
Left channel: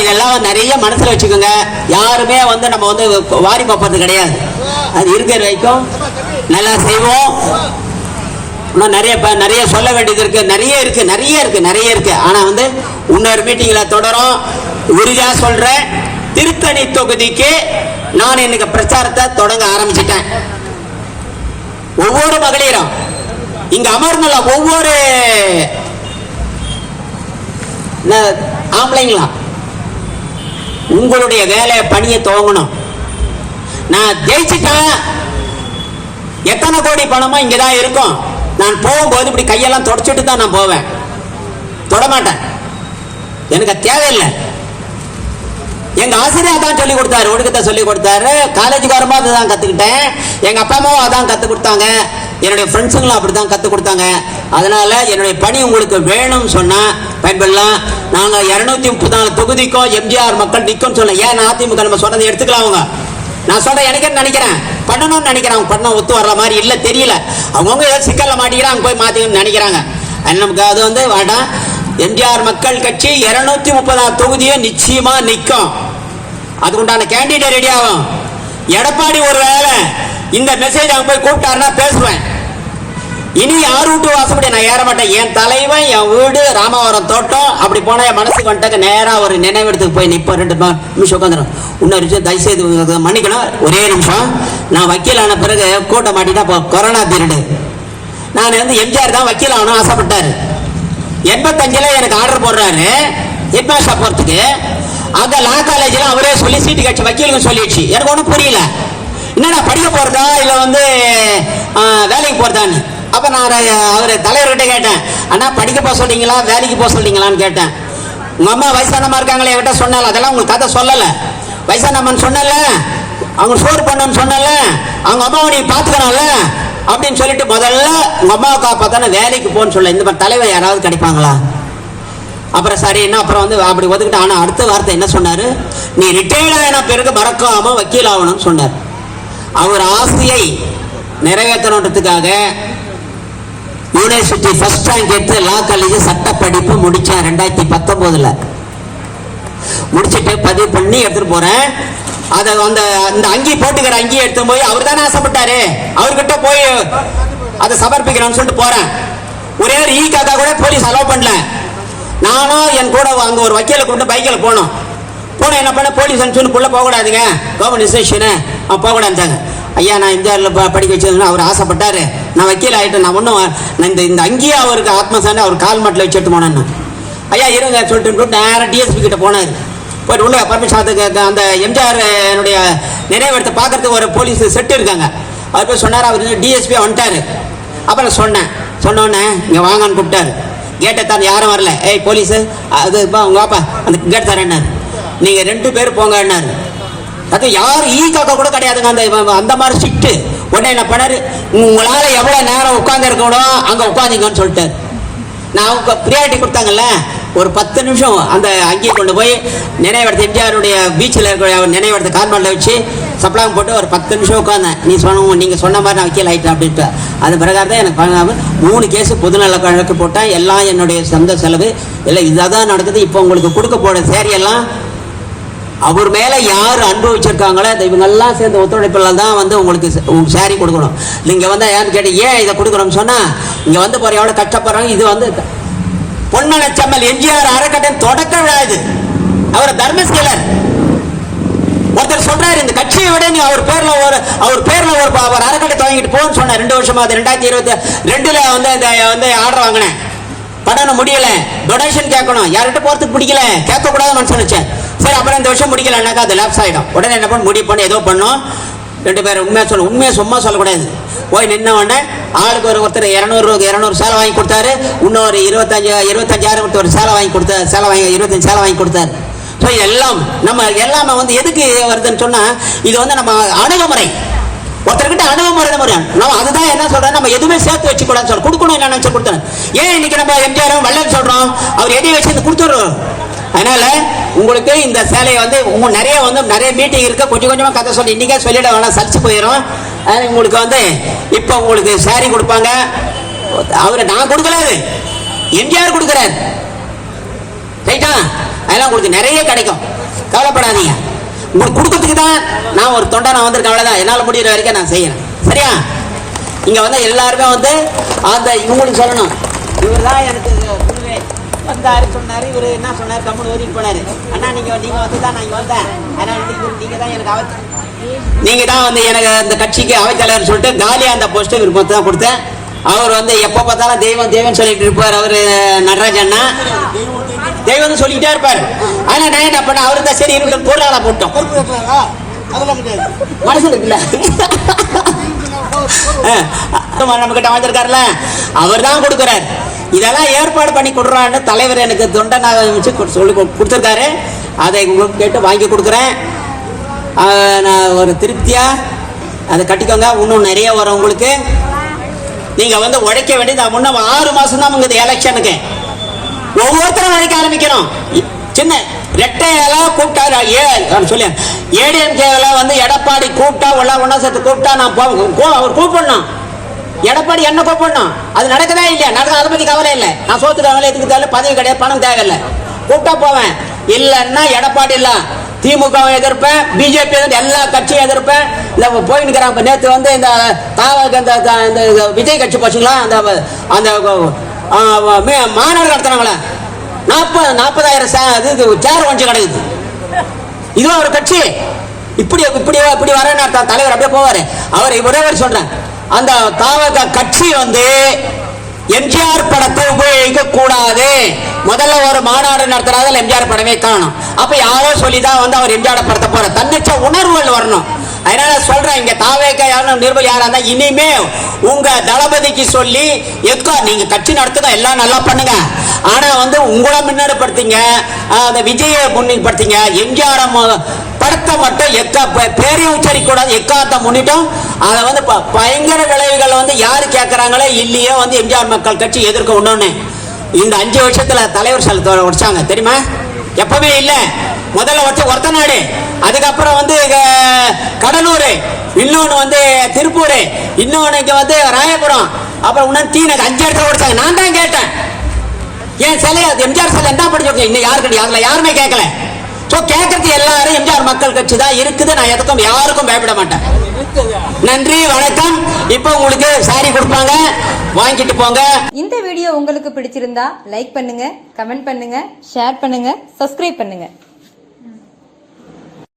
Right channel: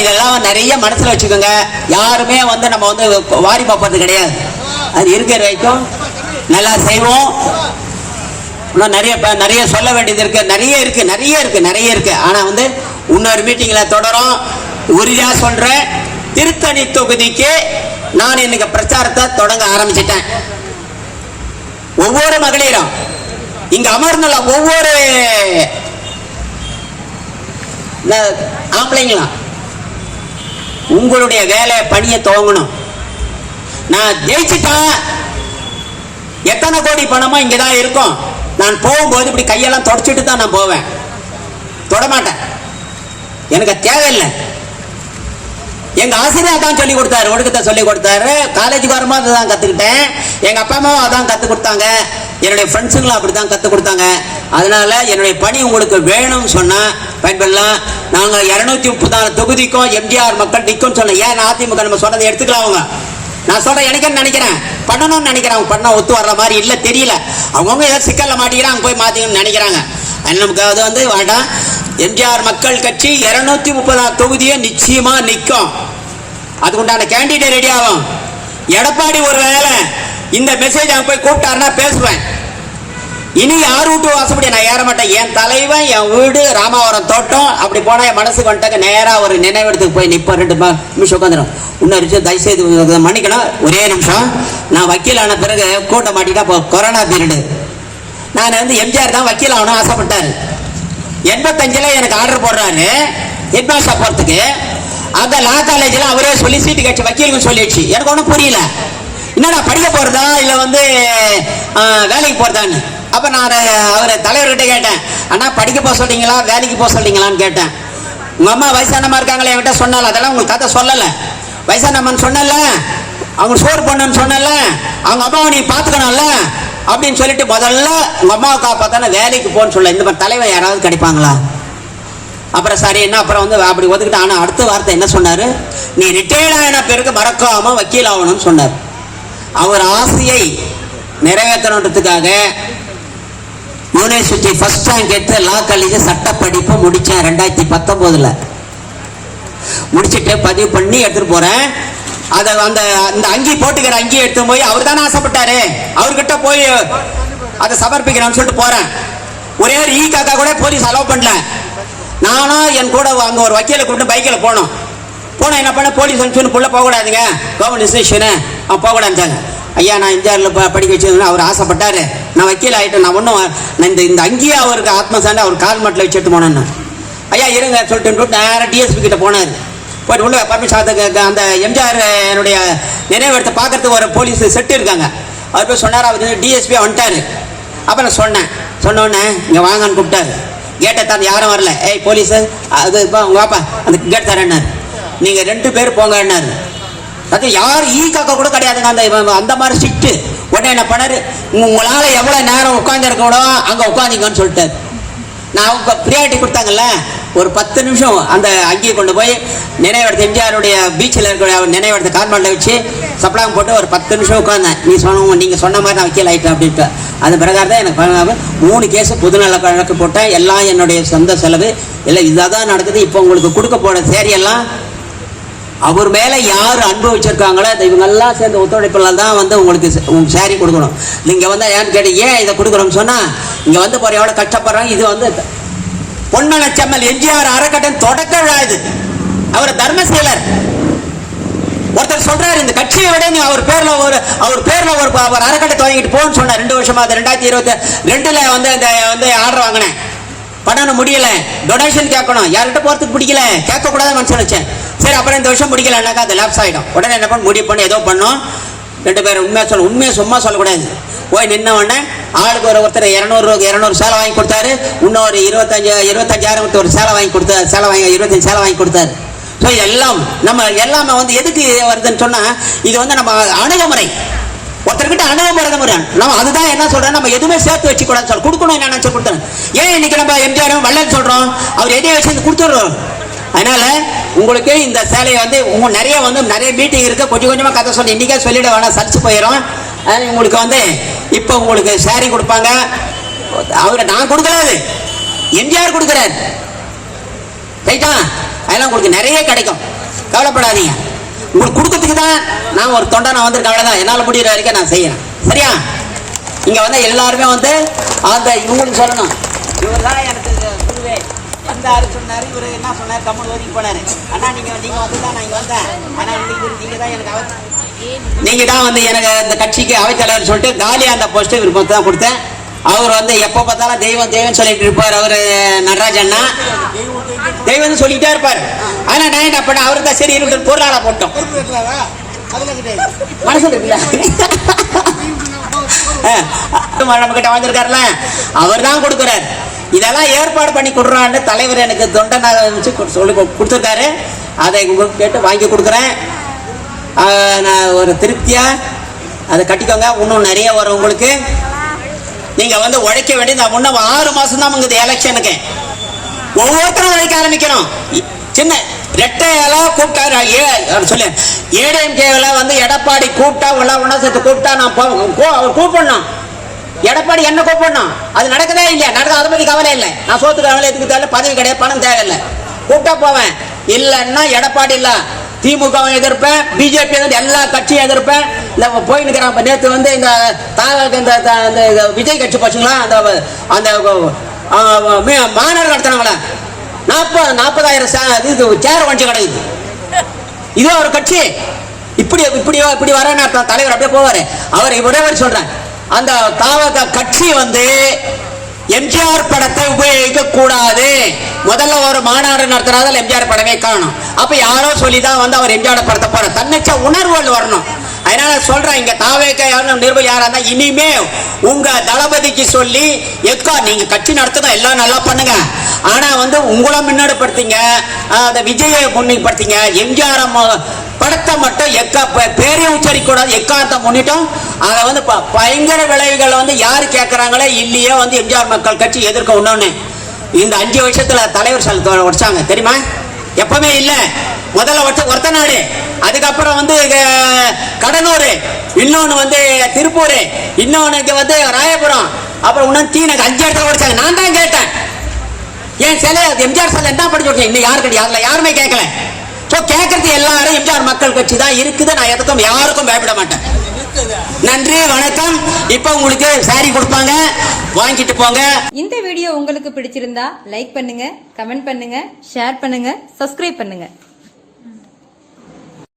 இதெல்லாம் நிறைய மனசுல வச்சுக்கோங்க. யாருமே வந்து நம்ம வந்து வாரி பார்ப்பது கிடையாது. அது இருக்கிற வரைக்கும் நல்லா செய்வோம். இன்னும் நிறைய சொல்ல வேண்டியது இருக்கு, நிறைய இருக்கு. ஆனா வந்து இன்னொரு மீட்டிங்ல தொடரும். உறுதியா சொல்றேன், திருத்தணி தொகுதிக்கு நான் இன்னைக்கு பிரச்சாரத்தை தொடங்க ஆரம்பிச்சிட்டேன். ஒவ்வொரு மகளிரும் இங்க அமர்ந்துள்ள ஒவ்வொரு ஆம்பளைங்களா உங்களுடைய வேலை பணியை துவங்கணும். நான் ஜெயிச்சுட்டேன், எத்தனை கோடி பணமா இங்கதான் இருக்கும். நான் போகும்போது இப்படி கையெல்லாம் தொடச்சிட்டு தான் நான் போவேன், தொடமாட்டேன். எனக்கு தேவையில்லை. எங்க ஆசிரியர் தான் சொல்லி கொடுத்தாரு, ஒழுக்கத்தை சொல்லி கொடுத்தாரு. காலேஜுக்கு வரும்போது அதான் கத்துக்கிட்டேன். எங்க அப்பா அம்மாவும் அதான் கத்து கொடுத்தாங்க. என்னுடைய ஃப்ரெண்ட்ஸுங்களும் அப்படிதான் கத்து கொடுத்தாங்க. அதனால என்னுடைய பணி உங்களுக்கு வேணும்னு சொன்னா பயன்படலாம். நாங்க 234 தொகுதிக்கும் எம்ஜிஆர் மக்கள் நிக்கும் சொன்ன. ஏன் அதிமுக நம்ம சொன்னதை எடுத்துக்கலாம். அவங்க நான் சொல்றேன் எனக்கு நினைக்கிறேன் பண்ணணும்னு நினைக்கிறேன், பண்ண ஒத்து வர்ற மாதிரி இல்ல தெரியல. அவங்கவுங்க ஏதாவது சிக்கல்ல மாட்டிக்கிறாங்க, போய் மாத்திக்கணும்னு நினைக்கிறாங்க. நமக்கு அது வந்து வேண்டாம். எம்ஜிஆர் மக்கள் கட்சி 230 தொகுதியே நிச்சயமா நிற்கும். அதுக்குண்டான கேண்டிடேட் ரெடி ஆகும். எடப்பாடி ஒரு வேலை இந்த மெசேஜ் அவங்க போய் கூப்பிட்டாருன்னா பேசுவேன். இனி யார் வீட்டு வாசப்படி நான் ஏற மாட்டேன். என் தலைவன், என் வீடு ராமாவரம் தோட்டம், அப்படி போனா என் மனசுக்கு வந்துட்டாக்க நேரா ஒரு நினைவிடத்துக்கு போய் நிற்பேன். 2 நிமிஷம் உட்காந்துடும். இன்னொரு விஷயம் தயவுசெய்து மன்னிக்கணும், ஒரே நிமிஷம். நான் வக்கீல் ஆன பிறகு கோட்டை மாட்டிட்டா கொரோனா பீரியடு. நான் வந்து எம்ஜிஆர் தான் வக்கீல் ஆகணும் ஆசைப்பட்டாரு. 85ல எனக்கு ஆர்டர் போடுறாரு ஹெட்மாஸ்டர் போறதுக்கு. அந்த லா காலேஜ்ல அவரே சொல்லி சீட்டு கட்சி வக்கீலுக்கு சொல்லிடுச்சு. எனக்கு ஒன்றும் புரியல, என்னடா படிக்க போறதா இல்ல வந்து வேலைக்கு போறதான்னு. அப்ப நான் அவரை தலைவர்கிட்ட கேட்டேன், அண்ணா படிக்க போக சொல்றீங்களா வேலைக்கு போக சொல்றீங்களான்னு கேட்டேன். உங்க அம்மா வயசானமா இருக்காங்களே என்கிட்ட சொன்னால, அதெல்லாம் உங்களுக்கு கதை சொல்லல. வயசானம்மான்னு சொன்னல, அவங்க சோறு பண்ணன்னு சொன்னல, அவங்க அம்மாவை நீ பாத்துக்கணும்ல அப்படின்னு சொல்லிட்டு முதல்ல உங்க அம்மாவுக்கா பார்த்தானே வேலைக்கு போன்னு சொல்ல. இந்த மாதிரி தலைவர் யாராவது கிடைப்பாங்களா? அப்புறம் சரி என்ன, அப்புறம் வந்து அப்படி ஒதுக்கிட்டு. ஆனா அடுத்த வார்த்தை என்ன சொன்னாரு, நீ ரிட்டையர்ட் ஆன பிறகு மறக்காம வக்கீல் ஆகணும்னு சொன்னார். அவர் ஆசையை நிறைவேற்றணுன்றதுக்காக யூனிவர்சிட்டி ஃபர்ஸ்ட் ரேங்க் எடுத்து லா காலேஜ் சட்ட படிப்பு முடிச்சேன் 2019ல. முடிச்சுட்டு பதிவு பண்ணி எடுத்துட்டு போறேன். அதை அந்த அங்கி போட்டுக்கிற அங்கி எடுத்து போய் அவர் தானே ஆசைப்பட்டாரு, அவர்கிட்ட போய் அதை சமர்ப்பிக்கிறேன்னு சொல்லிட்டு போறேன். ஒரே ஒரு காக்கா கூட போலீஸ் அலோவ் பண்ணல. நானும் என் கூட அங்க ஒரு வக்கீலை கூப்பிட்டு பைக்கில் போனோம். போன என்ன பண்ண, போலீஸ் சொல்லி போக கூடாதுங்க, கவர்மெண்ட் இன்ஸ்டியூஷனு போக கூடாதுட்டாங்க. ஐயா நான் இந்தியாவில் படிக்க வச்சதுன்னு அவர் ஆசைப்பட்டாரு, நான் வக்கீல் ஆகிட்டேன். நான் ஒன்றும் இந்த அங்கேயே அவருக்கு ஆத்மசாண்டி அவர் கால் மாட்டில் வச்சு எடுத்து போனேன்னு. ஐயா இருங்க சொல்லிட்டு நேராக டிஎஸ்பி கிட்ட போனார். போயிட்டு உள்ள பர்மிஷன் அந்த எம்ஜிஆர் என்னுடைய நினைவிடத்தை பார்க்கறதுக்கு ஒரு போலீஸ் செட்டு இருக்காங்க. அவர் போய் சொன்னார். அவர் டிஎஸ்பி வந்துட்டாரு. அப்புறம் சொன்னோன்னே இங்கே வாங்கன்னு கூப்பிட்டாரு. கேட்டை தான் யாரும் வரல. ஏய் போலீஸு அது உங்க அப்பா அந்த கேட் தரேன், நீங்க 2 பேர் போங்க என்னாரு. யார் காக்கா கூட கிடையாதுங்க அந்த மாதிரி சிட்டு. உடனே என்ன பண்ணாரு, உங்களால எவ்வளவு நேரம் உட்கார்ந்து இருக்கணும் அங்க உட்காந்துங்கன்னு சொல்லிட்டாரு. நான் பிரியாரிட்டி கொடுத்தாங்கல்ல, ஒரு 10 நிமிஷம் அந்த அங்கேயே கொண்டு போய் நினைவிடத்தை எம்ஜிஆருடைய பீச்சில் இருக்கிற நினைவிடத்தை கார்மெண்ட்ல வச்சு சப்ளாங் போட்டு ஒரு 10 நிமிஷம் உட்கார்ந்தேன். நீங்க சொன்ன மாதிரி நான் வக்கீல் ஆயிட்டேன் அப்படின்ட்டு. அது பிரகாரம் தான் எனக்கு 3 கேஸ் பொதுநல வழக்கு போட்டேன். எல்லாம் என்னுடைய சொந்த செலவு. இல்லை இதான் நடக்குது. இப்போ உங்களுக்கு கொடுக்க போற சேரியெல்லாம் அவர் மேல யார் அன்பு வச்சிருக்காங்களோ இவங்கெல்லாம் சேர்ந்து ஒத்துழைப்புல தான் வந்து உங்களுக்கு சேரி கொடுக்கணும். நீங்க வந்து யாருன்னு கேட்டு ஏன் இதை கொடுக்குறோம்னு சொன்னா, இங்க வந்து போற எவ்வளவு கஷ்டப்படுறாங்க. இது வந்து பொன்மனச்செம்மல் எம்ஜிஆர் அறக்கட்டளை தொடக்க விழா. இது அவர் தர்மசேலர். ஒருத்தர் சொல்றாரு, இந்த கட்சியை விட நீ அவர் பேர்ல ஒரு அறக்கட்டளை துவங்கிட்டு போன்னு சொன்ன. 2 வருஷமா அது 2022ல வந்து ஆர்டர் வாங்கினேன். பண்ணணும் முடியல, டொனேஷன் கேட்கணும். யார்கிட்ட போறதுக்கு பிடிக்கல, கேட்க கூடாது மனசு வச்சேன். சரி அப்புறம் இந்த வருஷம் முடிக்கலன்னாக்கா அது லேப்ஸ் ஆகிடும். உடனே என்ன பண்ண முடிவு பண்ணி ஏதோ பண்ணோம். 2 பேரும் உண்மையை சும்மா சொல்லக்கூடாது. போய் நின்ன உடனே ஆளுக்கு ஒருத்தர் 200 சேலை வாங்கி கொடுத்தாரு. இன்னொரு 25,000 ஒரு சேலை வாங்கி கொடுத்தாரு. 25 சேலை வாங்கி கொடுத்தாரு. ஸோ எல்லாம் நம்ம வந்து எதுக்கு வருதுன்னு சொன்னா, இது வந்து நம்ம அணுகுமுறை. ஒருத்தர்கிட்ட அணுகுமுறை நம்ம அதுதான் என்ன சொல்றோம், நம்ம எதுவுமே சேர்த்து வச்சு கூடாது சொல்றோம். கொடுக்கணும் என்ன நினைச்சு கொடுத்தேன். ஏன் இன்னைக்கு நம்ம எம்ஜிஆர் வல்லன்னு சொல்றோம், அவர் எதையும் வச்சு கொடுத்துருவோம். அதனால உங்களுக்கு இந்த சேலையை வந்து நிறைய மீட்டிங் இருக்கு. கொஞ்சமா கதை சொல்லி இன்னைக்கே சொல்லிட வேணாம், சர்ச்சு போயிடும். உங்களுக்கு வந்து இப்போ உங்களுக்கு சேரி கொடுப்பாங்க. அவரை நான் கொடுக்கலாது, எம்ஜிஆர் கொடுக்குறாரு. ரைட்டா? அதெல்லாம் உங்களுக்கு நிறைய கிடைக்கும், கவலைப்படாதீங்க. உங்களுக்கு கொடுக்கறதுக்கு தான் நான் ஒரு தொண்டை நான் வந்திருக்கேன். அவ்வளவுதான், என்னால் முடிகிற வரைக்கும் நான் செய்யறேன். சரியா? இங்க வந்து எல்லாருமே வந்து அந்த இவங்களுக்கு சொல்லணும், இவர் தான் எனக்கு வந்தாரு சொன்னாரு. இவரு என்ன சொன்னாரு, கம்முனு வரைக்கும் போனாரு. அண்ணா நீங்க வந்து தான் நான் இங்க வந்தேன். ஆனா நீங்க தான் எனக்கு நீங்க தான் வந்து எனக்கு அந்த கட்சிக்கு அவைத்தலைவர் சொல்லிட்டு காலியா அந்த போஸ்ட் இவர் தான் கொடுத்தேன். அவர் வந்து எப்ப பார்த்தாலும் தெய்வம் சொல்லிட்டு இருப்பார். அவரு நடராஜ் அண்ணா தெய்வம் சொல்லிட்டே இருப்பார். ஆனா நான் என்ன பண்ண, அவரு தான் சரி இருக்கு பொருளாளா போட்டோம். மனசு இருக்குல்ல, நம்ம கிட்ட வந்திருக்காருல, அவர் தான் கொடுக்கிறார். இதெல்லாம் ஏற்பாடு பண்ணி கொடுறான்னு தலைவர் எனக்கு தொண்டனாக வச்சு சொல்லி கொடுத்துருக்காரு. அதை உங்களுக்கு கேட்டு வாங்கி கொடுக்குறேன். நான் ஒரு திருப்தியா அதை கட்டிக்கோங்க. இன்னும் நிறைய வரும் உங்களுக்கு. நீங்க வந்து உழைக்க வேண்டிய முன்ன 6 மாசம் தான் உங்க எலெக்ஷனுக்கு ஒவ்வொருத்தரும் உழைக்க ஆரம்பிக்கணும். சின்ன ரெட்டையில கூப்பிட்டாரு சொல்லு ஏடிஎம்கேல வந்து எடப்பாடி கூப்பிட்டா ஒன்னா சேர்த்து கூப்பிட்டா நான் அவர் கூப்பிடணும். எடப்பாடி என்ன கூப்பிடணும், அது நடக்கவே இல்லை. நடக்க அதை பத்தி கவலை இல்லை. நான் சோத்துக்கு கவலை எதுக்கு பதவி கிடையாது, பணம் தேவையில்லை. கூப்பிட்டா போவேன். இல்லைன்னா எடப்பாடி இல்ல திமுக எதிர்ப்பேன், பிஜேபி எல்லா கட்சியும் எதிர்ப்பேன். இந்த போயிட்டு இருக்கிறாங்க. நேற்று வந்து இந்த விஜய் கட்சி போச்சுங்களா, அந்த மாநாடு நடத்துறாங்களே 40,000 சேர் வண்டி கிடைக்குது. இது ஒரு கட்சி இப்படி வர தலைவர் அப்படியே போவாரு. அவர் ஒரே சொல்றேன், அந்த தாவக கட்சி வந்து எம்ஜிஆர் படத்தை உபயோகிக்க கூடாது. முதல்ல ஒரு மாநாடு நடத்துறதுல எம்ஜிஆர் படமே காணும். அப்ப யாரோ சொல்லிதான் வந்து அவர் எம்ஜிஆர் படத்தை போற தன்னிச்ச உணர்வுகள் வரணும். அதனால சொல்றேன், இங்க தாவேக்க நிர்வாகி யாரா இருந்தா இனிமே உங்க தளபதிக்கு சொல்லி எக்கா நீங்க கட்சி நடத்துங்க, எல்லாம் நல்லா பண்ணுங்க. ஆனா வந்து உங்களை முன்னோடிப்படுத்திங்க, அந்த விஜயை முன்னிப்படுத்திங்க. எம்ஜிஆர் படத்தை மட்டும் பேரை உச்சரிக்க கூடாது. எக்காத்த முன்னிட்டும் அதை வந்து பயங்கர விளைவுகள் வந்து யாரு கேட்கறாங்களே இல்லையே வந்து எம்ஜிஆர் மக்கள் கட்சி எதிர்க்க ஒண்ணு. இந்த 5 வருஷத்துல தலைவர் வச்சாங்க தெரியுமா? எப்பவுமே இல்ல. முதல்ல வச்ச ஒருத்த நாடு, அதுக்கப்புறம் வந்து கடலூர், இன்னொன்னு வந்து திருப்பூர், இன்னொன்னு இங்க வந்து ராயபுரம், அப்புறம் இன்னும் 5 இடத்துல வச்சாங்க. நான் தான் கேட்டேன், ஏன் சிலை எம்ஜிஆர் சிலை என்ன பண்ணி இன்னும் யாருமே கேட்கல. கேட்கறது எல்லாரும் எம்ஜிஆர் மக்கள் கட்சி தான் இருக்குது. நான் எதுக்கும் யாருக்கும் பயப்பட மாட்டேன். நன்றி, வணக்கம். இப்ப உங்களுக்கு சாரி கொடுப்பாங்க, வாங்கிட்டு போங்க. இந்த வீடியோ உங்களுக்கு பிடிச்சிருந்தா லைக் பண்ணுங்க, கமெண்ட் பண்ணுங்க, ஷேர் பண்ணுங்க, சப்ஸ்கிரைப் பண்ணுங்க.